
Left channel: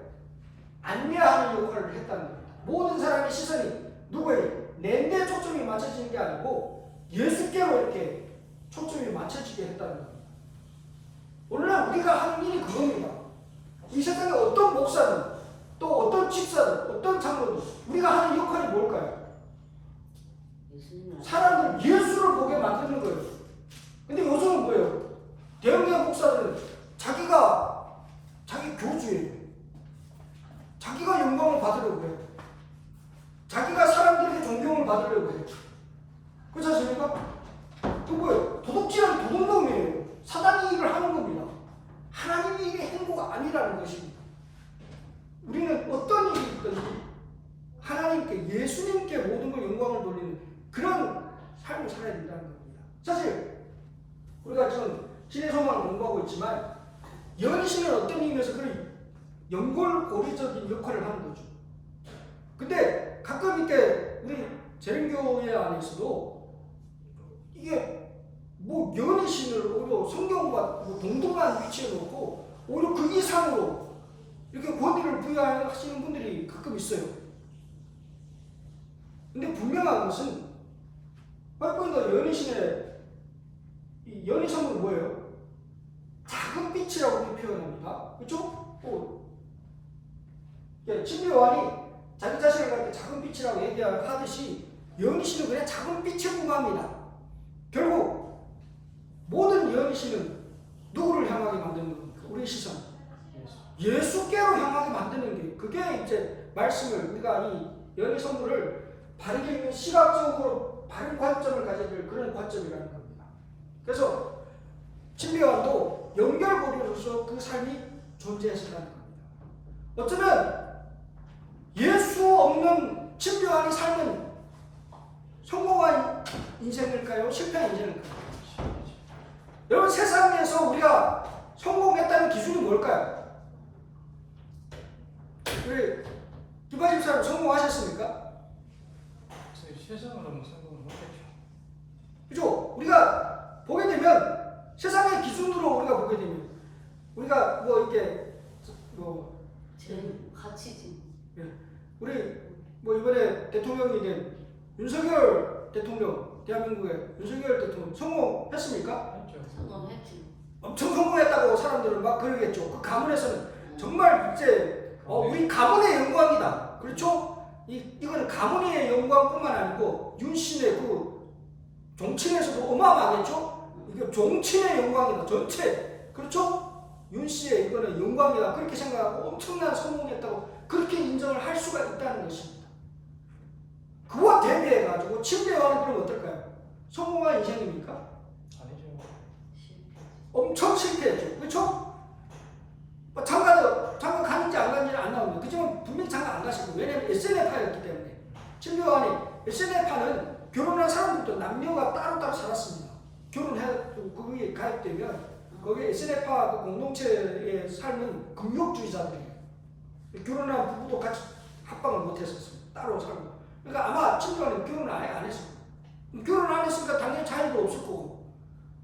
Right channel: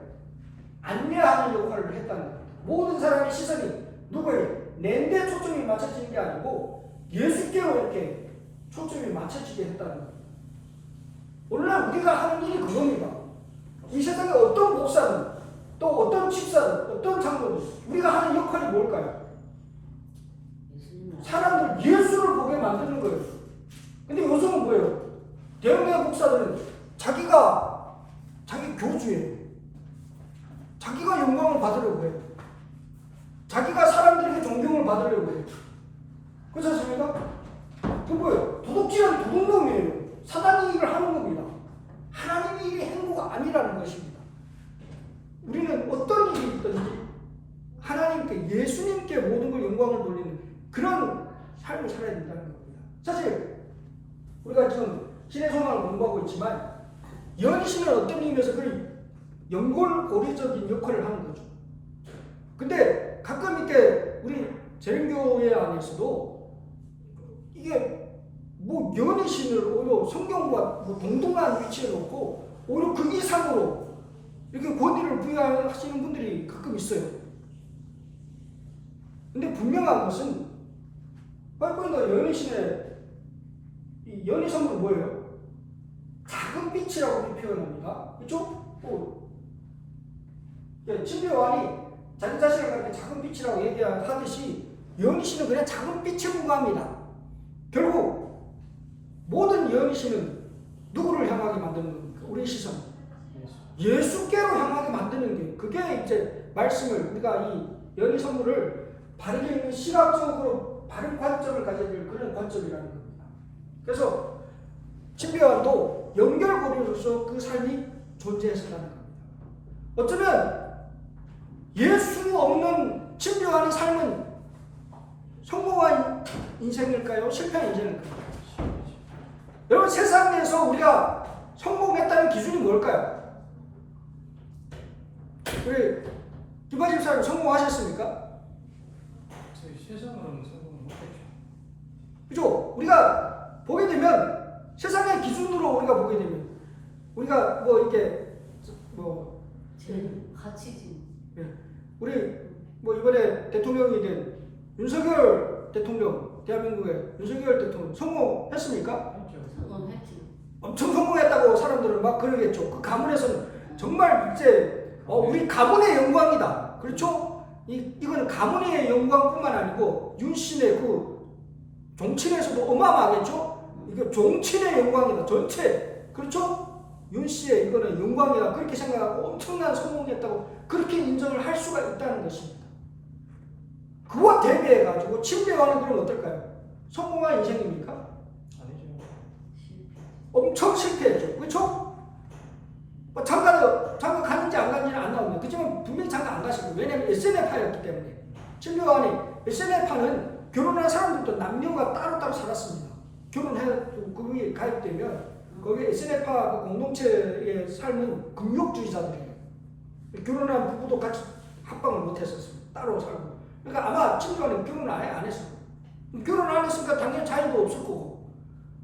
안내하는 역할을 했다는 겁니다. 모든 사람의 시선이 누구에게? 내데 초점이 맞춰지는 게 아니고 예수께로 이렇게 초점이 맞춰지게 했다는 겁니다. 오늘날 우리가 하는 일이 그겁니다. 이 세상에 어떤 목사든 또 어떤 집사든 어떤 장로든 우리가 하는 역할이 뭘까요? 사람들 예수를 보게 만드는 거예요. 근데 요즘은 뭐예요? 대형교회 목사들은 자기 교주예요. 자기가 영광을 받으려고 해요. 자기가 사람들에게 존경을 받으려고 해요. 그렇지 않습니까? 그 뭐예요? 도둑질한 도둑놈이에요. 사단이 일을 하는 겁니다. 하나님의 일의 행보가 아니라는 것입니다. 우리는 어떤 일이 있든지 하나님께 예수님께 모든 걸 영광을 돌리는 그런 삶을 살아야 된다는 겁니다. 사실 우리가 지금 신의 소망을 공부하고 있지만 연신은 어떤 의미에서 그런 연골고리적인 역할을 하는 거죠. 근데 가끔 이렇게 우리 재림교회 안에서도 이게 뭐 연희신을 오히려 성경과 뭐 동등한 위치에 놓고 오히려 그 이상으로 이렇게 권위를 부여하시는 분들이 가끔 있어요. 근데 분명한 것은 바이블의 연희신의 이 연희성은 뭐예요? 작은 빛이라고 표현합니다. 그렇죠? 진리 요한이 자기 자신을 가리켜 작은 빛이라고 얘기하듯이 연희신은 그냥 작은 빛에 불과합니다. 결국 모든 연희신은 누구를 향하게 만드는 겁니까? 우리의 시선 예수께로 향하게 만드는 게 그게 이제 말씀을 우리가 이 연희 선물을 바르게 있는 시각적으로 바른 관점을 가져야 될 그런 관점이라는 겁니다. 그래서 신비요한도 연결고리로서 그 삶이 존재했었다는 겁니다. 어쩌면 예수 없는 신비요한의 삶은 성공한 인생일까요? 실패한 인생일까요? 여러분 세상에서 우리가 성공했다는 기준이 뭘까요? 우리 김바집 사람 성공하셨습니까? 세상으로는 성공을 못했죠. 그죠? 우리가 보게 되면 세상의 기준으로 우리가 보게 되면 우리가 뭐 이렇게 뭐 가치지. 우리 뭐 이번에 대통령이 된 윤석열 대통령 대한민국의 윤석열 대통령 성공했습니까? 성공했지. 엄청 성공했다고 사람들은 막 그러겠죠. 그 가문에서는 정말 이제 우리 가문의 영광이다. 그렇죠? 이거는 가문의 영광뿐만 아니고 윤씨의 그 종친에서도 어마어마하겠죠? 이게 종친의 영광이다. 전체. 그렇죠? 윤 씨의 이거는 영광이다 그렇게 생각하고 엄청난 성공했다고 그렇게 인정을 할 수가 있다는 것입니다. 그와 대비해 가지고 침례요한은 그럼 어떨까요? 성공한 인생입니까? 아니죠. 엄청 실패했죠. 그렇죠? 뭐 장가 갔는지 안 갔는지는 안 나옵니다. 그렇지만 분명히 장가 안 가시고 왜냐하면 SNF파였기 때문에 침례요한이 SNF파는 결혼한 사람들도 남녀가 따로따로 살았습니다. 결혼해도 거기에 가입되면 거기 SNF파 그 공동체의 삶은 금욕주의자들이에요. 결혼한 부부도 같이 합방을 못 했었습니다. 따로 살고. 그러니까 아마 침례요한은 결혼을 아예 안 했어요. 결혼 안 했으니까 당연히 자유도 없을 거고.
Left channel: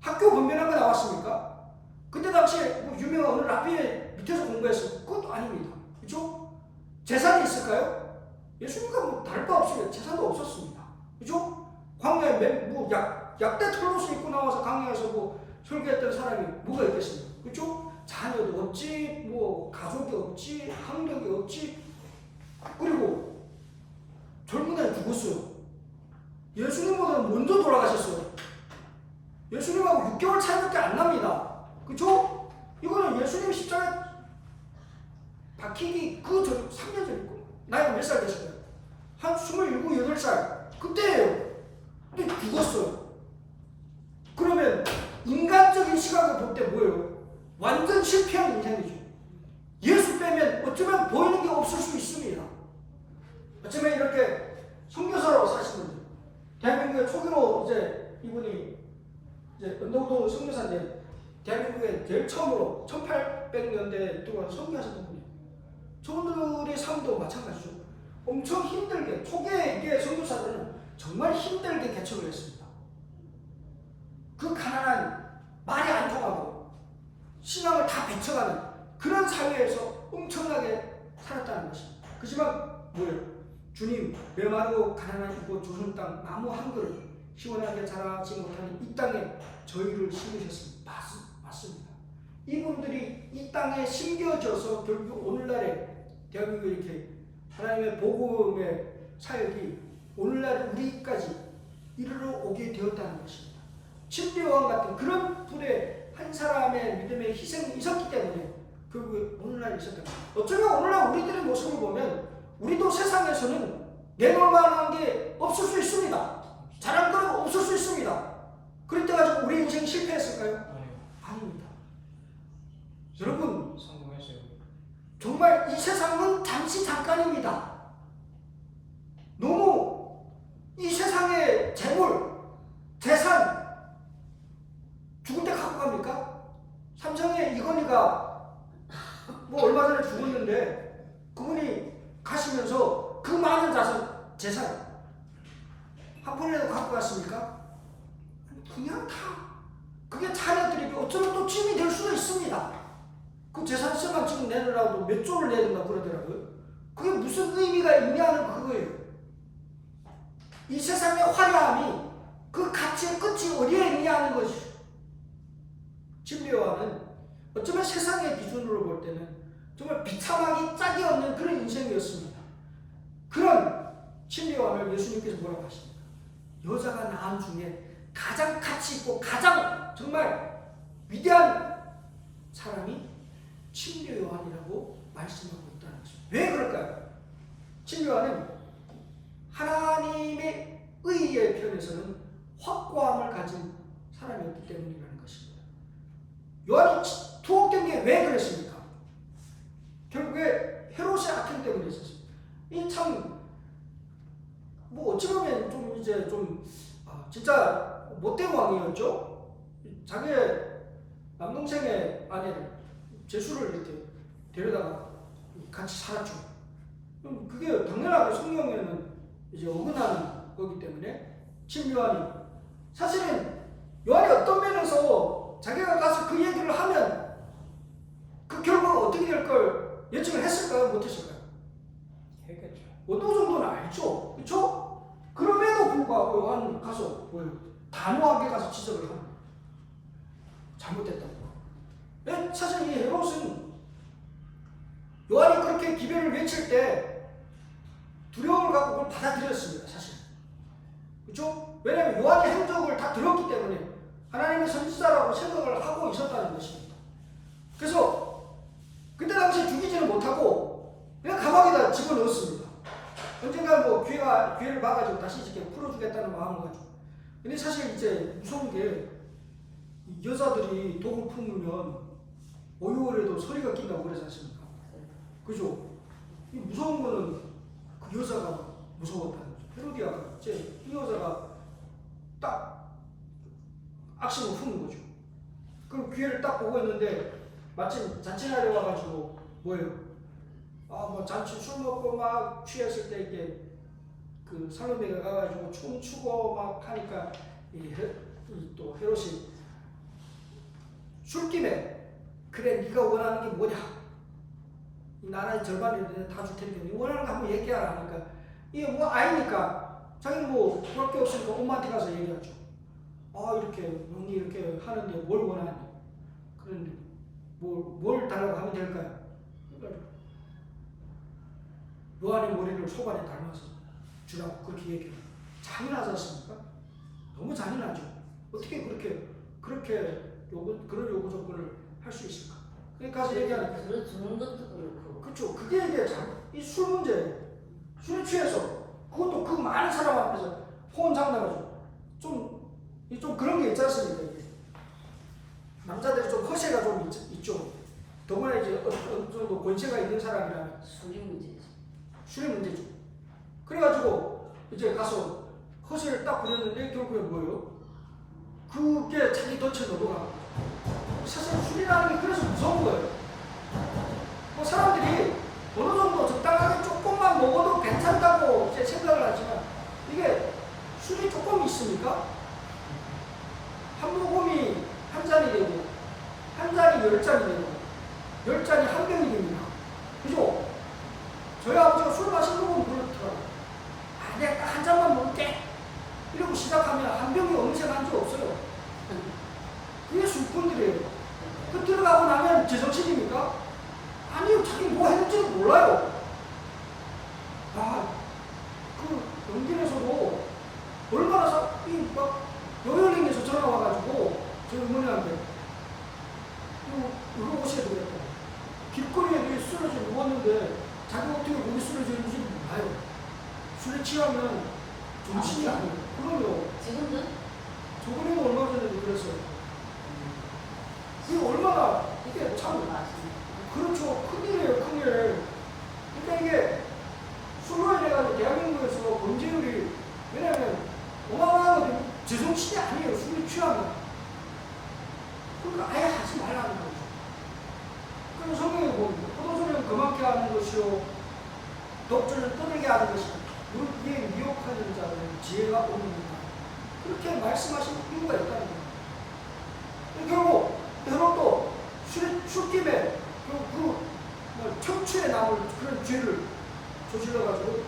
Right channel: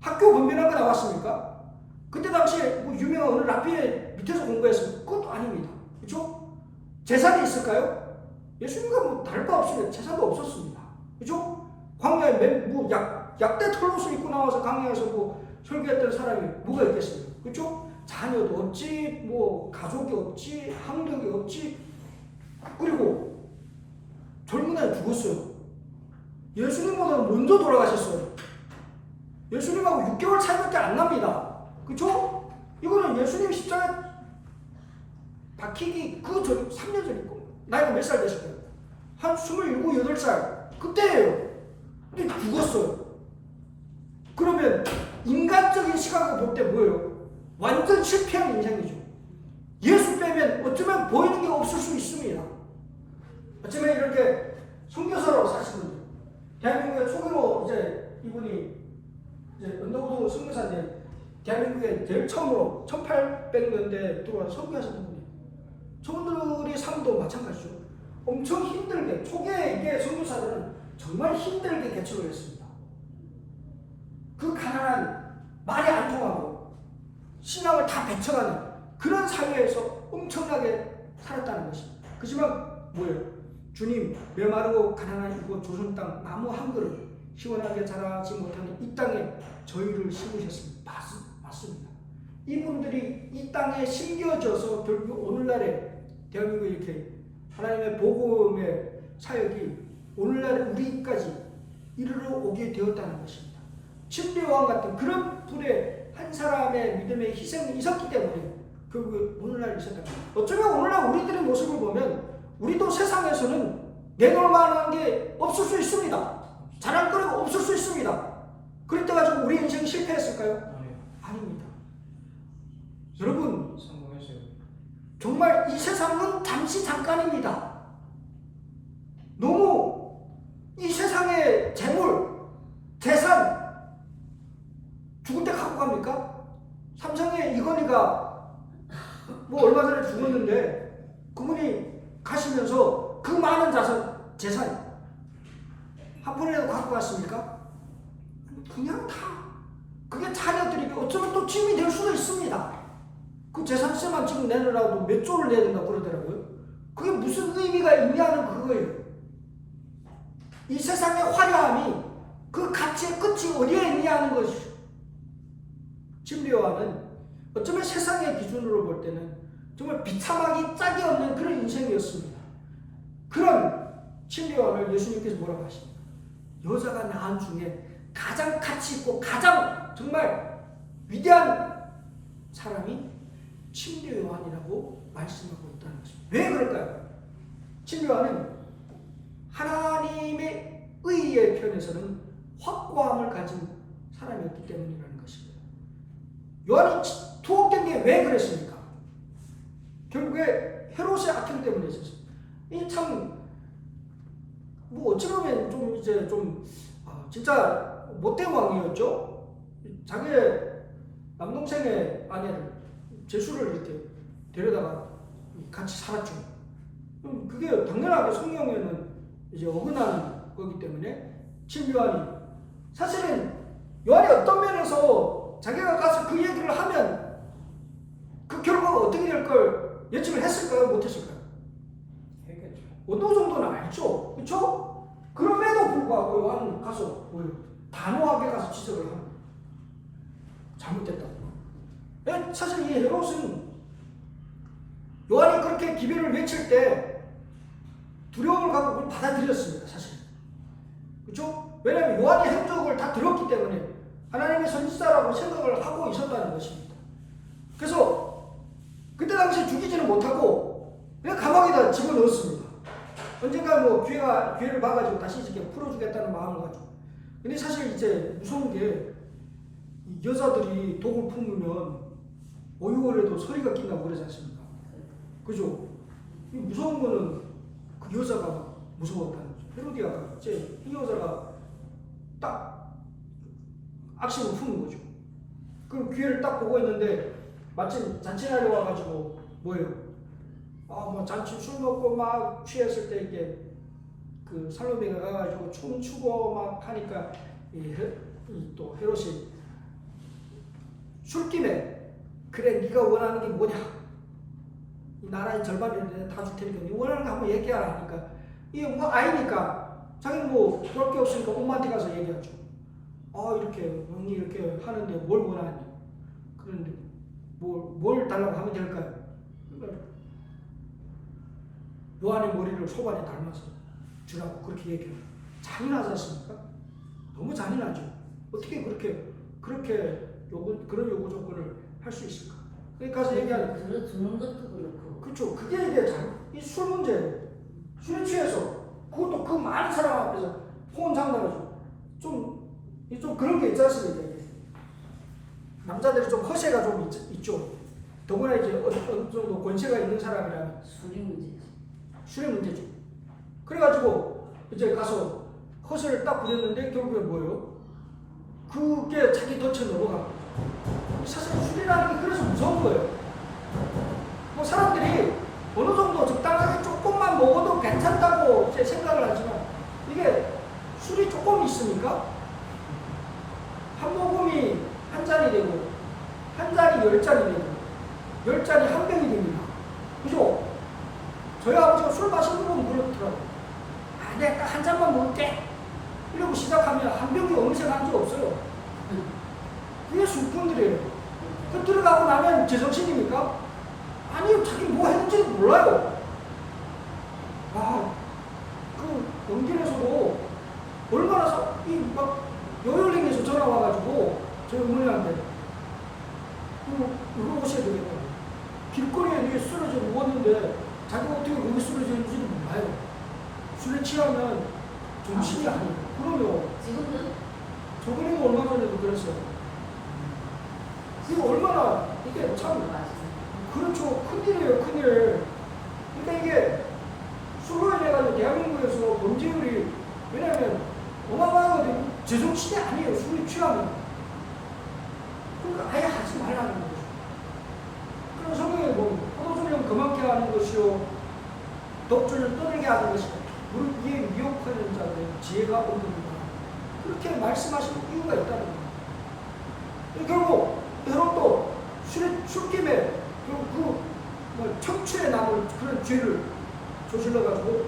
학교 분별한 거 나왔습니까? 그때 당시에 뭐 유명한 어느 라피의 밑에서 공부했으면 그것도 아닙니다. 그렇죠? 재산이 있을까요? 예수님과 뭐 다를 바 없으면 재산도 없었습니다. 그렇죠? 광야에 뭐 약대 털옷을 입고 나와서 광야에서 뭐 설교했던 사람이 뭐가 있겠어요? 그렇죠? 자녀도 없지, 뭐 가족이 없지, 학력이 없지. 그리고 젊은 나이에 죽었어요. 예수님보다 먼저 돌아가셨어요. 예수님하고 6개월 차이밖에 안 납니다. 그쵸? 이거는 예수님 십자가에 박히기 그 전, 3년 전이고, 나이가 몇 살 되실까요? 한 27, 8살. 그때예요. 근데 죽었어요. 그러면 인간적인 시각을 볼 때 뭐예요? 완전 실패한 인생이죠. 예수 빼면 어쩌면 보이는 게 없을 수 있습니다. 어쩌면 이렇게 선교사로 사시는 분. 대한민국의 초기로 이제 이분이 이제 은도도 선교사인데 대한민국에 제일 처음으로 1800년대에 들어와서 선교하셨던 분이에요. 저분들의 삶도 마찬가지죠. 엄청 힘들게 초기에 이게 선교사들은 정말 힘들게 개척을 했습니다. 그 가난한 말이 안 통하고 신앙을 다 배척하는 그런 사회에서 엄청나게 살았다는 것입니다. 그렇지만 뭐예요? 주님 메마르고 가난한 이곳 조선 땅 나무 한 그릇 시원하게 자라지 못하는 이 땅에 저희를 심으셨습니다. 맞습니다. 이분들이 이 땅에 심겨져서 결국 오늘날에 대한민국에 이렇게 하나님의 복음의 사역이 오늘날 우리까지 이르러 오게 되었다는 것입니다. 침례요한 같은 그런 분의 한 사람의 믿음의 희생이 있었기 때문에 결국에 오늘날 있었다. 어쩌면 오늘날 우리들의 모습을 보면 우리도 세상에서는 내놓을 만한 게 없을 수 있습니다. 자랑거리가 없을 수 있습니다. 그랬다 가지고 우리 인생이 실패했을까요? 아닙니다. 여러분 성공했어요. 정말 이 세상은 잠시 잠깐입니다. 너무 이 세상의 재물, 재산 죽을 때 갖고 갑니까? 삼성의 이건희가 뭐 얼마 전에 죽었는데 그분이 가시면서 그 많은 재산 한 푼이라도 갖고 갔습니까? 그냥 다 그게 자녀들이 어쩌면 또 짐이 될 수도 있습니다. 그 재산세만 지금 내느라고 몇 조를 내야 된다고 그러더라고요. 그게 무슨 의미가 있냐는 그거예요. 이 세상의 화려함이 그 가치의 끝이 어디에 있냐는 것이죠. 침례요한은 어쩌면 세상의 기준으로 볼 때는 정말 비참하기 짝이 없는 그런 인생이었습니다. 그런 침례요한을 예수님께서 뭐라고 하십니까? 여자가 낳은 중에 가장 가치 있고 가장 정말 위대한 사람이 침례요한이라고 말씀하고 있다는 것입니다. 왜 그럴까요? 침례요한은 하나님의 의의 편에서는 확고함을 가진 사람이었기 때문이라는 것입니다. 요한이 투옥된 게 왜 그랬습니까? 결국에 헤롯의 악행 때문에 있었습니다. 이 참 뭐 어찌 보면 좀 이제 좀 진짜 못된 왕이었죠. 자기의 남동생의 아내를 제수를 이렇게 데려다가 같이 살았죠. 그럼 그게 당연하게 성경에는 이제 어긋나는 거기 때문에 침례요한이 사실은 요한이 어떤 면에서 자기가 가서 그 얘기를 하면 그 결과가 어떻게 될 걸 예측을 했을까요? 못했을까요? 했겠죠. 어느 정도는 알죠. 그렇죠? 그럼에도 불구하고 요한은 가서 단호하게 가서 지적을 합니다. 잘못됐다고. 사실 이 헤롯은 요한이 그렇게 기별을 외칠 때 두려움을 갖고 그걸 받아들였습니다. 사실. 그렇죠? 왜냐하면 요한의 행적을 다 들었기 때문에 하나님의 선지자라고 생각을 하고 있었다는 것입니다. 그래서 그때 당시에 죽이지는 못하고 그냥 감옥에다 집어넣었습니다. 언젠가 뭐 기회를 봐가지고 다시 이렇게 풀어주겠다는 마음을 가지고. 근데 사실 이제 무서운 게 여자들이 독을 품으면 오유월에도 소리가 낀다고 그러지 않습니까? 그죠? 이 무서운 거는 그 여자가 무서웠다는 거죠. 헤로디아가 이제 이 여자가 딱 악심을 품은 거죠. 그 기회를 딱 보고 있는데 마침 잔치날이 와가지고 뭐예요? 뭐 잔치 술 먹고 막 취했을 때 이게 그 살로메가 가가지고 춤추고 막 하니까 또 헤롯이 술김에 그래 네가 원하는 게 뭐냐? 이 나라의 절반을 다 줄 테니까 네 원하는 거 한번 얘기하라 하니까 이게 뭐 아이니까 자기는 뭐 그럴 게 없으니까 엄마한테 가서 얘기하죠. 이렇게 언니 이렇게 하는데 뭘 원하니? 그런데 뭘 달라고 하면 될까요? 그러니까 요한의 머리를 소반에 닮아서 주라고 그렇게 얘기해요. 잔인하지 않습니까? 너무 잔인하죠. 어떻게 그렇게 그런 요구 조건을 할 수 있을까? 그러니까 가서 얘기하는 거예요. 들어주는 것도 그렇고. 그렇죠. 그게 이게 이 술 문제예요. 술에 취해서 그것도 그 많은 사람 앞에서 호언장담하죠. 좀 그런 게 있지 않습니까? 이게. 남자들이 좀 허세가 좀 있죠. 더구나 이제 어느 정도 권세가 있는 사람이라면 술의 문제죠. 그래가지고 이제 가서 허세를 딱 부렸는데 결국에 뭐예요? 그게 자기 덫에 넘어가고. 사실 술이라는 게 그래서 무서운 거예요. 뭐 사람들이 어느 정도 적당하게 조금만 먹어도 괜찮다고 생각을 하지만 이게 술이 조금 있으니까 한 모금이 한 잔이 되고 한 잔이 10잔이 되고 10잔이 한 병이 됩니다. 그죠? 저희 아버지가 술 마시는 건 그렇더라고요. 내가 한 잔만 먹을게 이러고 시작하면 한 병이 어느새 간 적 없어요. 그게 술꾼들이에요. 그 들어가고 나면 제정신입니까? 아니요, 자기 뭐 했는지도 몰라요. 그 영진에서도 얼마나 막 요열링에서 전화 와가지고 저희 어머니한테 이거 오셔야 되겠다고. 길거리에 쓰러져 누웠는데 자기가 어떻게 거기 쓰러져 있는지도 몰라요. 술에 취하면 정신이 아니에요. 그럼요. 지금도 저번에도 얼마 전에도 그랬어요. 이게 얼마나 이게 참 그렇죠. 큰일이에요. 큰일. 그러니까 이게 술로 인해가지고 대한민국에서 범죄율이 왜냐하면 어마어마하거든요. 제정신이 아니에요. 술에 취하면. 그러니까 아예 하지 말라는 거죠. 그럼 성경에 보면 포도주는 그만케 하는 것이요 독주는 떠들게 하는 것이요 무릇 이에 미혹하는 자는 지혜가 없느니라. 그렇게 말씀하신 이유가 있다는 거예요. 결국 헤롯도 술김에 그 청추에 남을 그런 죄를 저질러가지고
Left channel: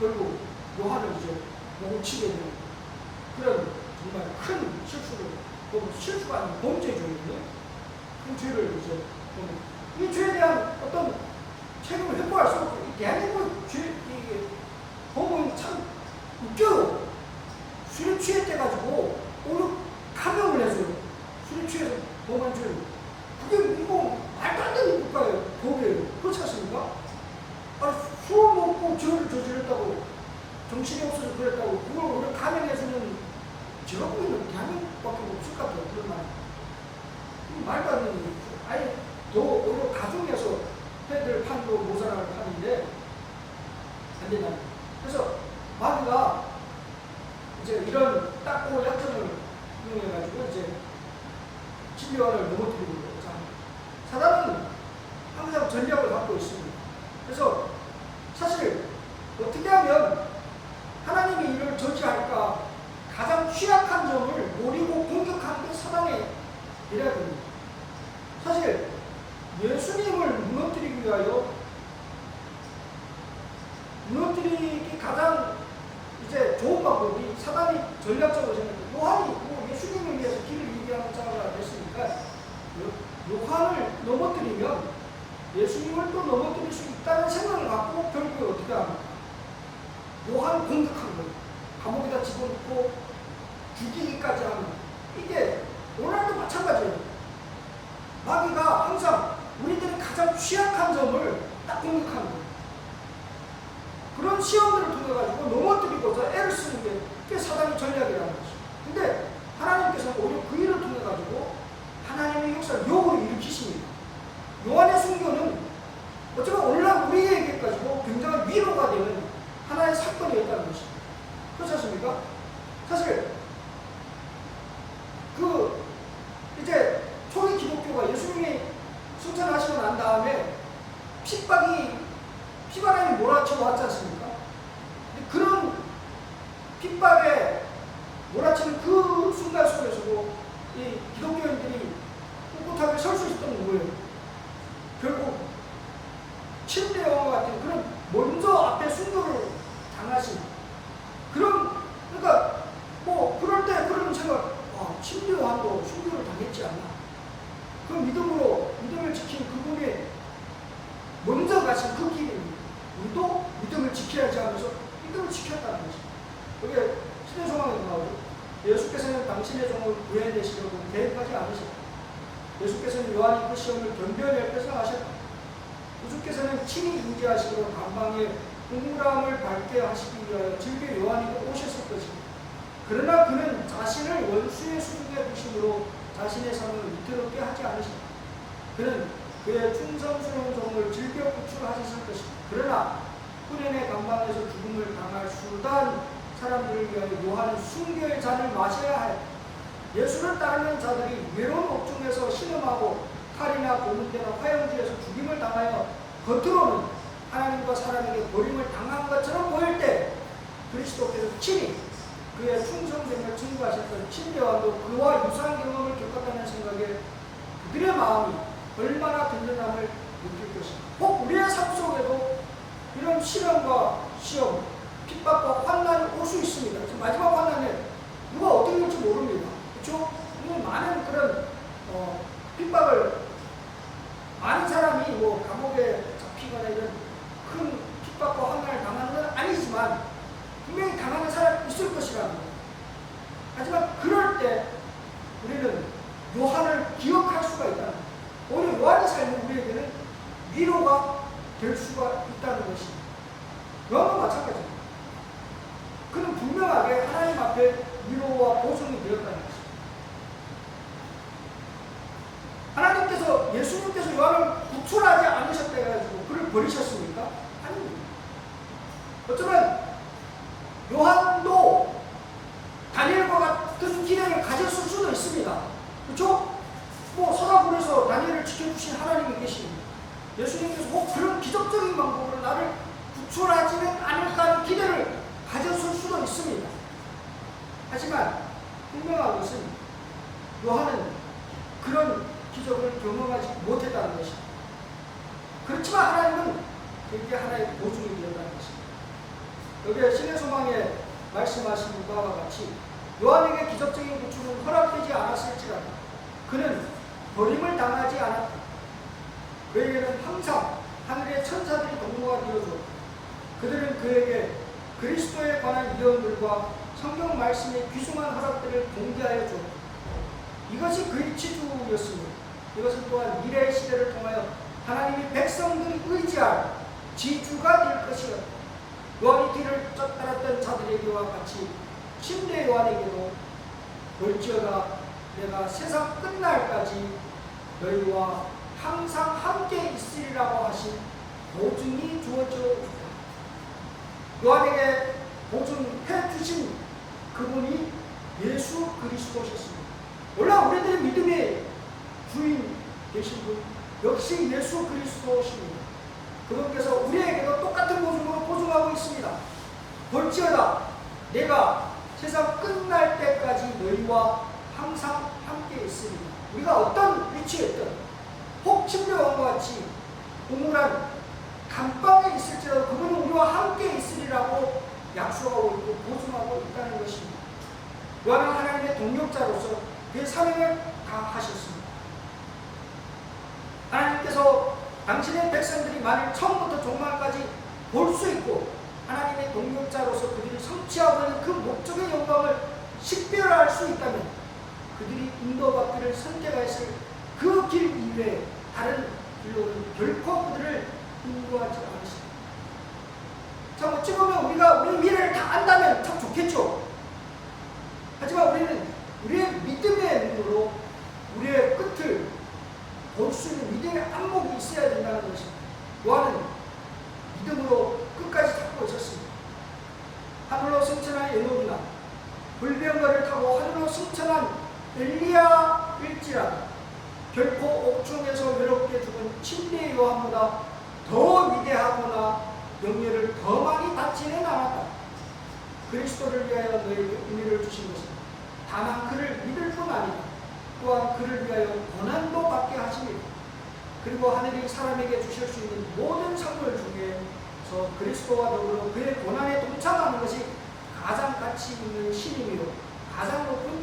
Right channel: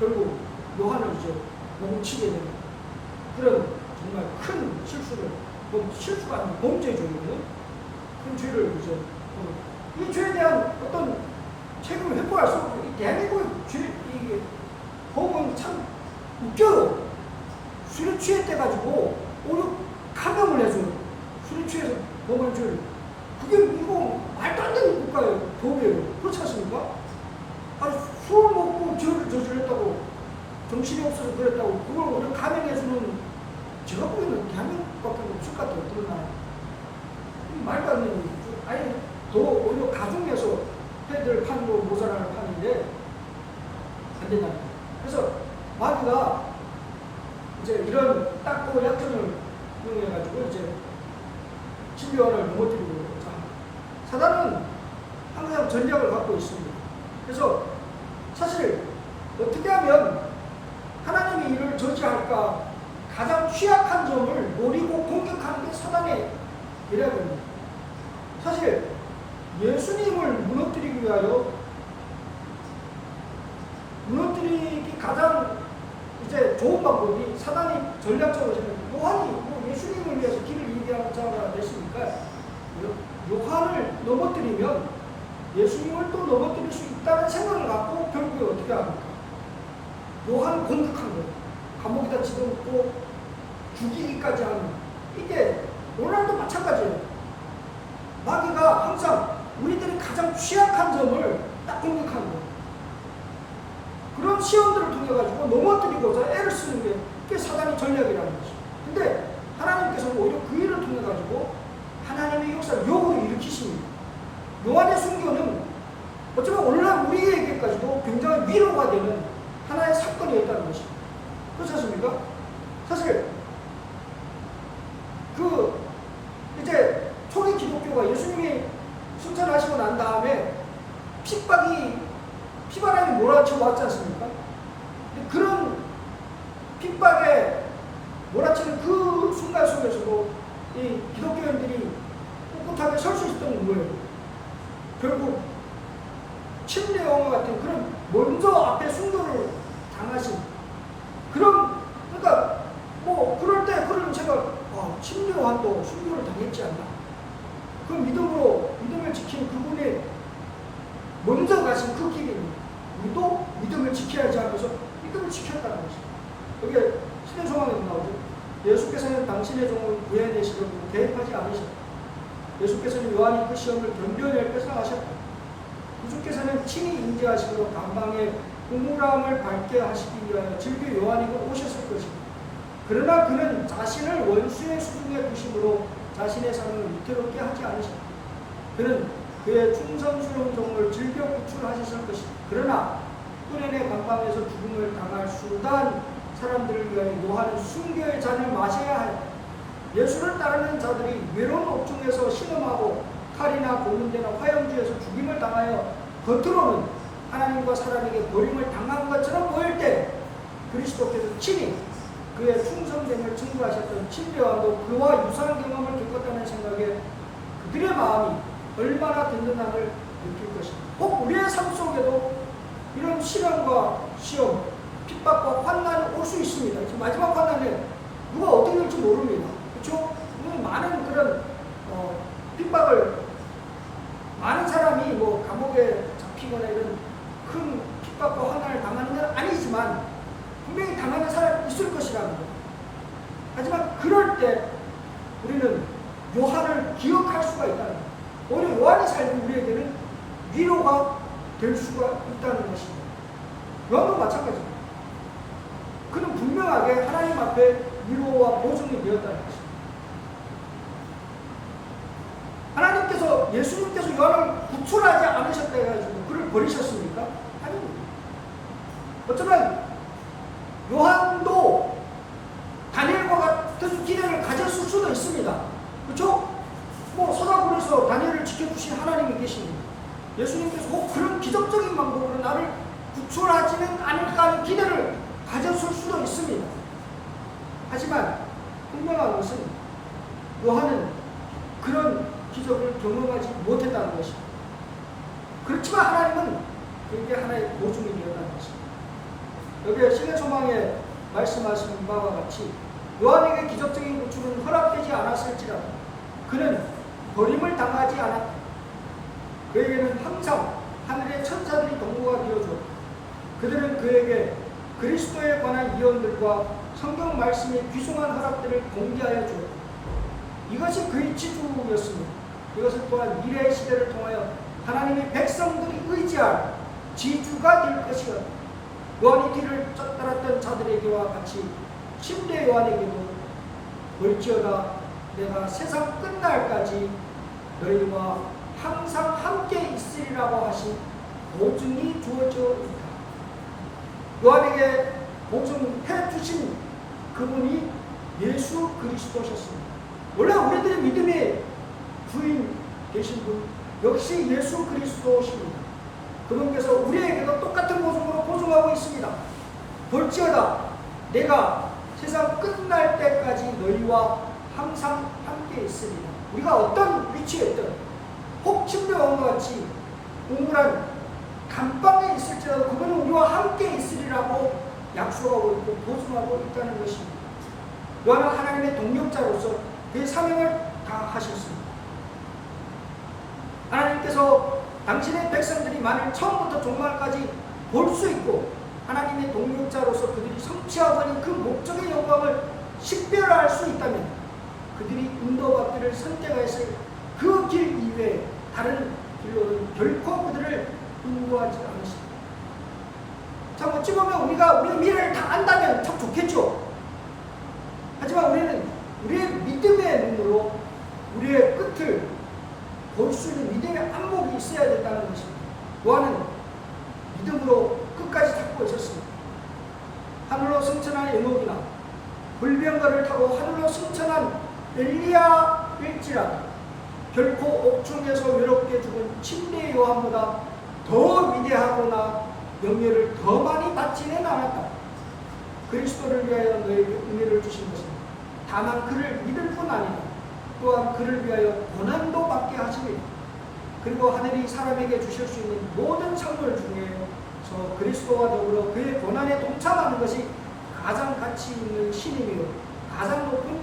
결국 요한을 이제 목을 치게 되는 그런 정말 큰 실수를, 실수가 아니고 범죄죄거든요. 큰 죄를 이제 이 죄에 대한 어떤 책임을 회포할 수 없고 이 대한민국의 이게 법은 참 웃겨요. 술에 취했대 가지고 오히려 감형을 해줘요. 술에 취해서 범한 죄를. 그게 이거 말도 안 되는 국가의 법이에요. 그렇지 않습니까? 아니 술 먹고 죄를 저질렀다고 정신이 없어서 그랬다고 그걸 오히려 감형해주는 제가 보기에는 대한민국밖에 없을 것 같아요. 그런 나라. 말도 안 되는 거죠. 아예 더 오히려 가중해서 패드를 판고 모자라를 파는데 안 된다는 거예요. 그래서 마귀가 이제 이런 딱고 약점을 이용해가지고 이제 진료원을 넘어뜨리고 있는 거죠. 사단은 항상 전략을 갖고 있습니다. 그래서 사실 어떻게 하면 하나님이 이를 저지할까 가장 취약한 점을 노리고 공격하는 게 사단의 계략입니다. 사실 예수님을 무너뜨리기 위하여 무너뜨리기 가장 이제 좋은 방법이 사단이 전략적으로 생각해요. 요한이 예수님을 위해서 길을 예비하는 자가 됐으니까 요한을 넘어뜨리면 예수님을 또 넘어뜨릴 수 있다는 생각을 갖고 결국에 어떻게 합니까? 요한 공격한 거예요. 감옥에다 집어넣고 죽이기까지 하는. 이게 오늘도 마찬가지예요. 마귀가 항상 우리들이 가장 취약한 점을 딱 공격하는 거예요. 그런 시험들을 통해 가지고 넘어뜨리고서 애를 쓰는 게 그게 사단의 전략이라는 것이죠. 근데 하나님께서는 오히려 그 일을 통해 가지고 하나님의 역사를 역으로 일으키십니다. 요한의 순교는 어쩌면 오늘날 우리에게까지도 굉장히 위로가 되는 하나의 사건이었다는 것입니다. 그렇지 않습니까? 사실 이제 초기 기독교가 예수님이 승천하시고 난 다음에 피바람이 몰아쳐 왔지 않습니까? 근데 그런 핍박에 몰아치는 그 순간 속에서도 이 기독교인들이 꿋꿋하게 설 수 있던 거예요. 결국 침례왕 같은 그런 먼저 앞에 순교를 당하신 그러니까 뭐 그럴 때 그런 제가 침례왕도 순교를 당했지 않나? 그 믿음을 지킨 그분이 먼저 가신 그 길입니다. 우리도 믿음을 지켜야지 하면서 믿음을 지켰다는 것입니다. 여기 신의 소망에도 나오죠. 예수께서는 당신의 종을 구해내시려고 개입하지 않으셨다. 예수께서는 요한이 그 시험을 견뎌낼 것을 아셨다. 예수께서는 친히 인지하시고 감방의 우물함을 밝게 하시기 위하여 즐겨 요한에게 오셨을 것입니다. 그러나 그는 자신을 원수의 수중에 두심으로 자신의 삶을 위태롭게 하지 않으셨다. 그는 그의 충성스러운 종을 즐겨 구출하셨을 것입니다. 그러나 꾸레네 감방에서 죽음을 당할 수단 사람들을 위하여 요한은 순교의 잔을 마셔야 하였다. 예수를 따르는 자들이 외로운 옥중에서 신음하고 칼이나 고문대나 화형지에서 죽임을 당하여 겉으로는 하나님과 사람에게 버림을 당한 것처럼 보일 때 그리스도께서 친히 그의 충성됨을 증거하셨던 침례왕도 그와 유사한 경험을 겪었다는 생각에 그들의 마음이 얼마나 든든함을 느낄 것인가. 혹 우리의 삶 속에도 이런 시련과 시험, 핍박과 환난이 올 수 있습니다. 지금 마지막 환난에 누가 어떻게 될지 모릅니다. 그렇죠? 많은 그런 핍박을 많은 사람이 뭐 감옥에 잡히거나 이런 큰 핍박과 환난을 당하는 건 아니지만 분명히 당하는 사람이 있을 것이라는 거예요. 하지만 그럴 때 우리는 요한을 기억할 수가 있다는 거예요. 오히려 요한의 삶은 우리에게는 위로가 될 수가 있다는 것입니다. 요한도 마찬가지입니다. 그는 분명하게 하나님 앞에 위로와 보증이 되었다는 것입니다. 하나님께서 예수님께서 요한을 구출하지 않으셨다 해가지고 그를 버리셨습니까? 아닙니다. 어쩌면 요한도 다니엘과 같은 기능을 가졌을 수도 있습니다. 그렇죠? 뭐 서다굴에서 다니엘을 지켜주신 하나님이 계십니다. 예수님께서 혹 그런 기적적인 방법으로 나를 구출하지는 않을까 하는 기대를 가졌을 수도 있습니다. 하지만 분명한 것은 요한은 그런 기적을 경험하지 못했다는 것입니다. 그렇지만 하나님은 그게 하나의 보증이 되었다는 것입니다. 여기에 신의 소망에 말씀하신 바와 같이 요한에게 기적적인 구출은 허락되지 않았을지라도 그는 버림을 당하지 않았다. 그에게는 항상 하늘의 천사들이 동무가 되어주었다. 그들은 그에게 그리스도에 관한 예언들과 성경 말씀의 귀중한 허락들을 공개하여 주었다. 이것이 그의 지주였습니다. 이것은 또한 미래의 시대를 통하여 하나님의 백성들이 의지할 지주가 될 것이었다. 요한이 뒤를 쫓따랐던 자들에게와 같이 침례 요한에게도 볼지어다 내가 세상 끝날까지 너희와 항상 함께 있으리라고 하신 보증이 주어져 있다. 요한에게 보증해 주신 그분이 예수 그리스도셨습니다. 원래 우리들의 믿음의 주인 되신 분 역시 예수 그리스도십니다. 그분께서 우리에게도 똑같은 보증으로 보증하고 있습니다. 볼지어다 내가 세상 끝날 때까지 너희와 항상 함께 있으리라. 우리가 어떤 위치에 있든 혹 침례왕과 같이 우물한 감방에 있을지라도 그분은 우리와 함께 있으리라고 약속하고 있고 보증하고 있다는 것입니다. 요한은 하나님의 동력자로서 그의 사명을 다하셨습니다. 하나님께서 당신의 백성들이 만일 처음부터 종말까지 볼 수 있고 하나님의 동력자로서 그들이 성취하고 있는 그 목적의 영광을 식별할 수 있다면 그들이 인도받기를 선택하였을 그 길 이외에 다른 일로는 결코 그들을 인도하지 않으시다. 참 어찌 보면 우리 미래를 다 안다면 참 좋겠죠. 하지만 우리는 우리의 믿음의 눈으로 우리의 끝을 볼 수 있는 믿음의 안목이 있어야 된다는 것입니다. 요한은 믿음으로 끝까지 찾고 있었습니다. 하늘로 승천한 에녹이나 불병거를 타고 하늘로 승천한 엘리야일지라도 결코 옥중에서 외롭게 죽은 침례 요한보다 더 위대하거나 영예를 더 많이 받지는 않았다. 그리스도를 위하여 너에게 은혜를 주신 것은 다만 그를 믿을 뿐 아니라 또한 그를 위하여 고난도 받게 하심이다. 그리고 하늘이 사람에게 주실 수 있는 모든 선물 중에 저 그리스도와 더불어 그의 고난에 동참하는 것이 가장 가치 있는 신임이요 가장 높은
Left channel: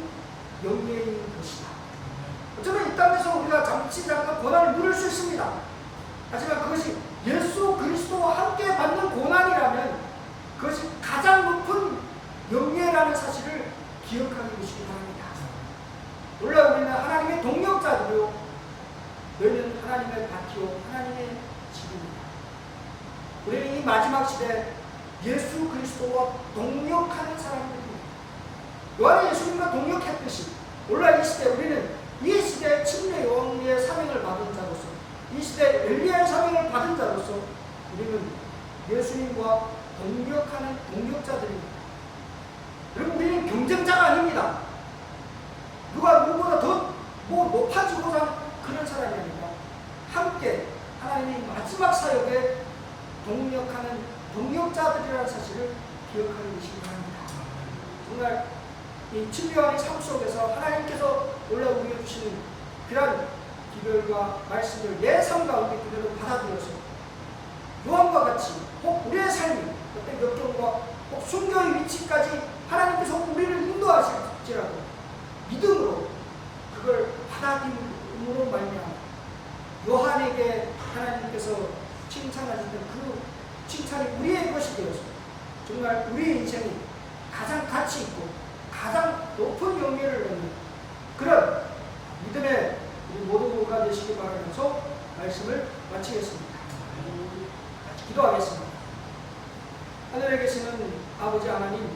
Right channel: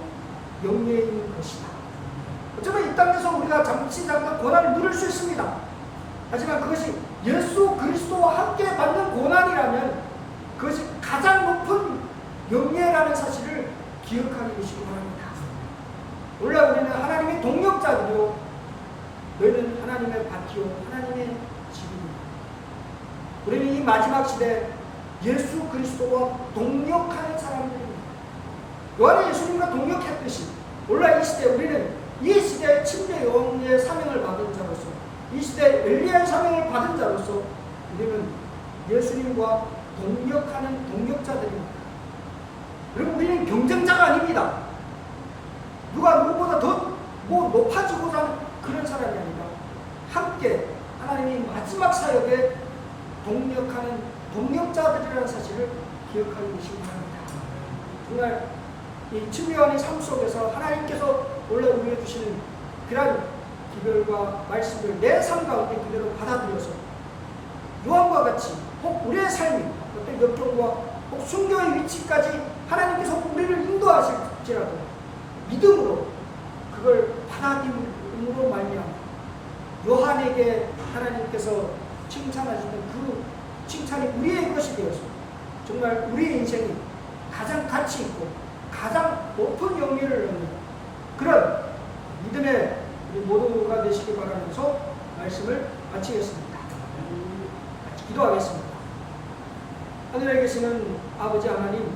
영예인 것이다. 어쩌면 이 땅에서 우리가 잠깐 고난을 누릴 수 있습니다. 하지만 그것이 예수 그리스도와 함께 받는 고난이라면 그것이 가장 높은 영예라는 사실을 기억하게 되시기 바랍니다. 원래 우리는 하나님의 동역자들이요 너희는 하나님의 밭이요 하나님의 집입니다. 우리는 이 마지막 시대 예수 그리스도와 동역하는 사람들입니다. 요한은 예수님과 동역했듯이 원래 이 시대 우리는 이 시대의 침례 요한의 사명을 받은 자로서 이 시대의 엘리야의 사명을 받은 자로서 우리는 예수님과 동역하는 동역자들입니다. 여러분 우리는 경쟁자가 아닙니다. 누가 누구보다 더 높아지고자 하는 그런 사람이 아니라 함께 하나님의 마지막 사역에 동역하는 동역자들이라는 사실을 기억하게 되시기 바랍니다. 정말 이 침례 요한의 삶 속에서 하나님께서 원래 우리에게 주시는 그러한 기별과 말씀을 내 삶 가운데 그대로 받아들여서 요한과 같이 혹 우리의 삶이 어떤 역경과 혹 순교의 위치까지 하나님께서 우리를 인도하실지라도 믿음으로 그걸 받아들임으로 말미암아 요한에게 하나님께서 칭찬하셨던 그 칭찬이 우리의 것이 되어서 정말 우리의 인생이 가장 가치 있고 가장 높은 영예를 얻는 그런 믿음의 우리 모두가 되시기 바라면서 말씀을 마치겠습니다. 같이 기도하겠습니다. 하늘에 계시는 아버지 하나님,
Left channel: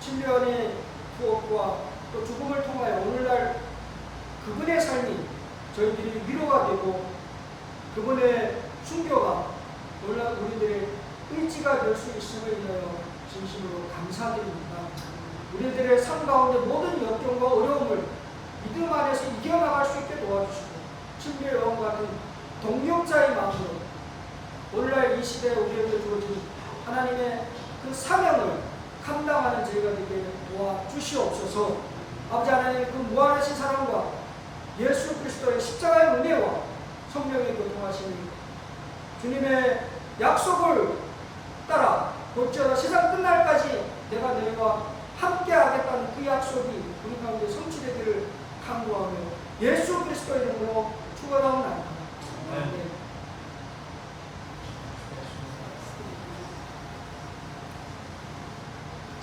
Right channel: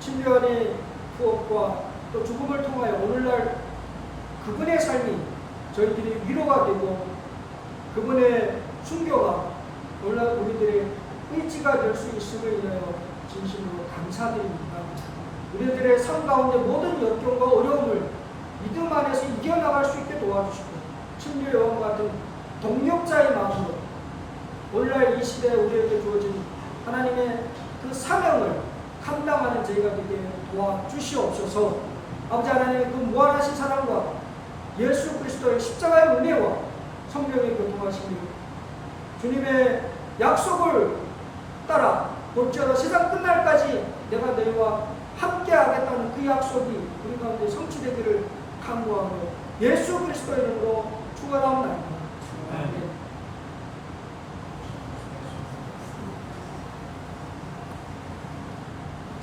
침례원의 부업과 또 죽음을 통하여 오늘날 그분의 삶이 저희들이 위로가 되고 그분의 순교가 오늘날 우리들의 의지가 될 수 있음을 인하여 진심으로 감사드립니다. 우리들의 삶 가운데 모든 역경과 어려움을 믿음 안에서 이겨나갈 수 있게 도와주시고 침례 요한 같은 동역자의 마음으로 오늘날 이 시대에 우리에게 주어진 하나님의 그 사명을 감당하는 저희가 되게 도와주시옵소서. 아버지 하나님의 그 무한하신 사랑과 예수 그리스도의 십자가의 은혜와 성령의 교통하심이 주님의 약속을 따라 곧지어다 세상 끝날까지 내가 너희와 함께 하겠다는 그 약속이 우리 가운데 성취되기를 간구하며 예수 그리스도의 이름으로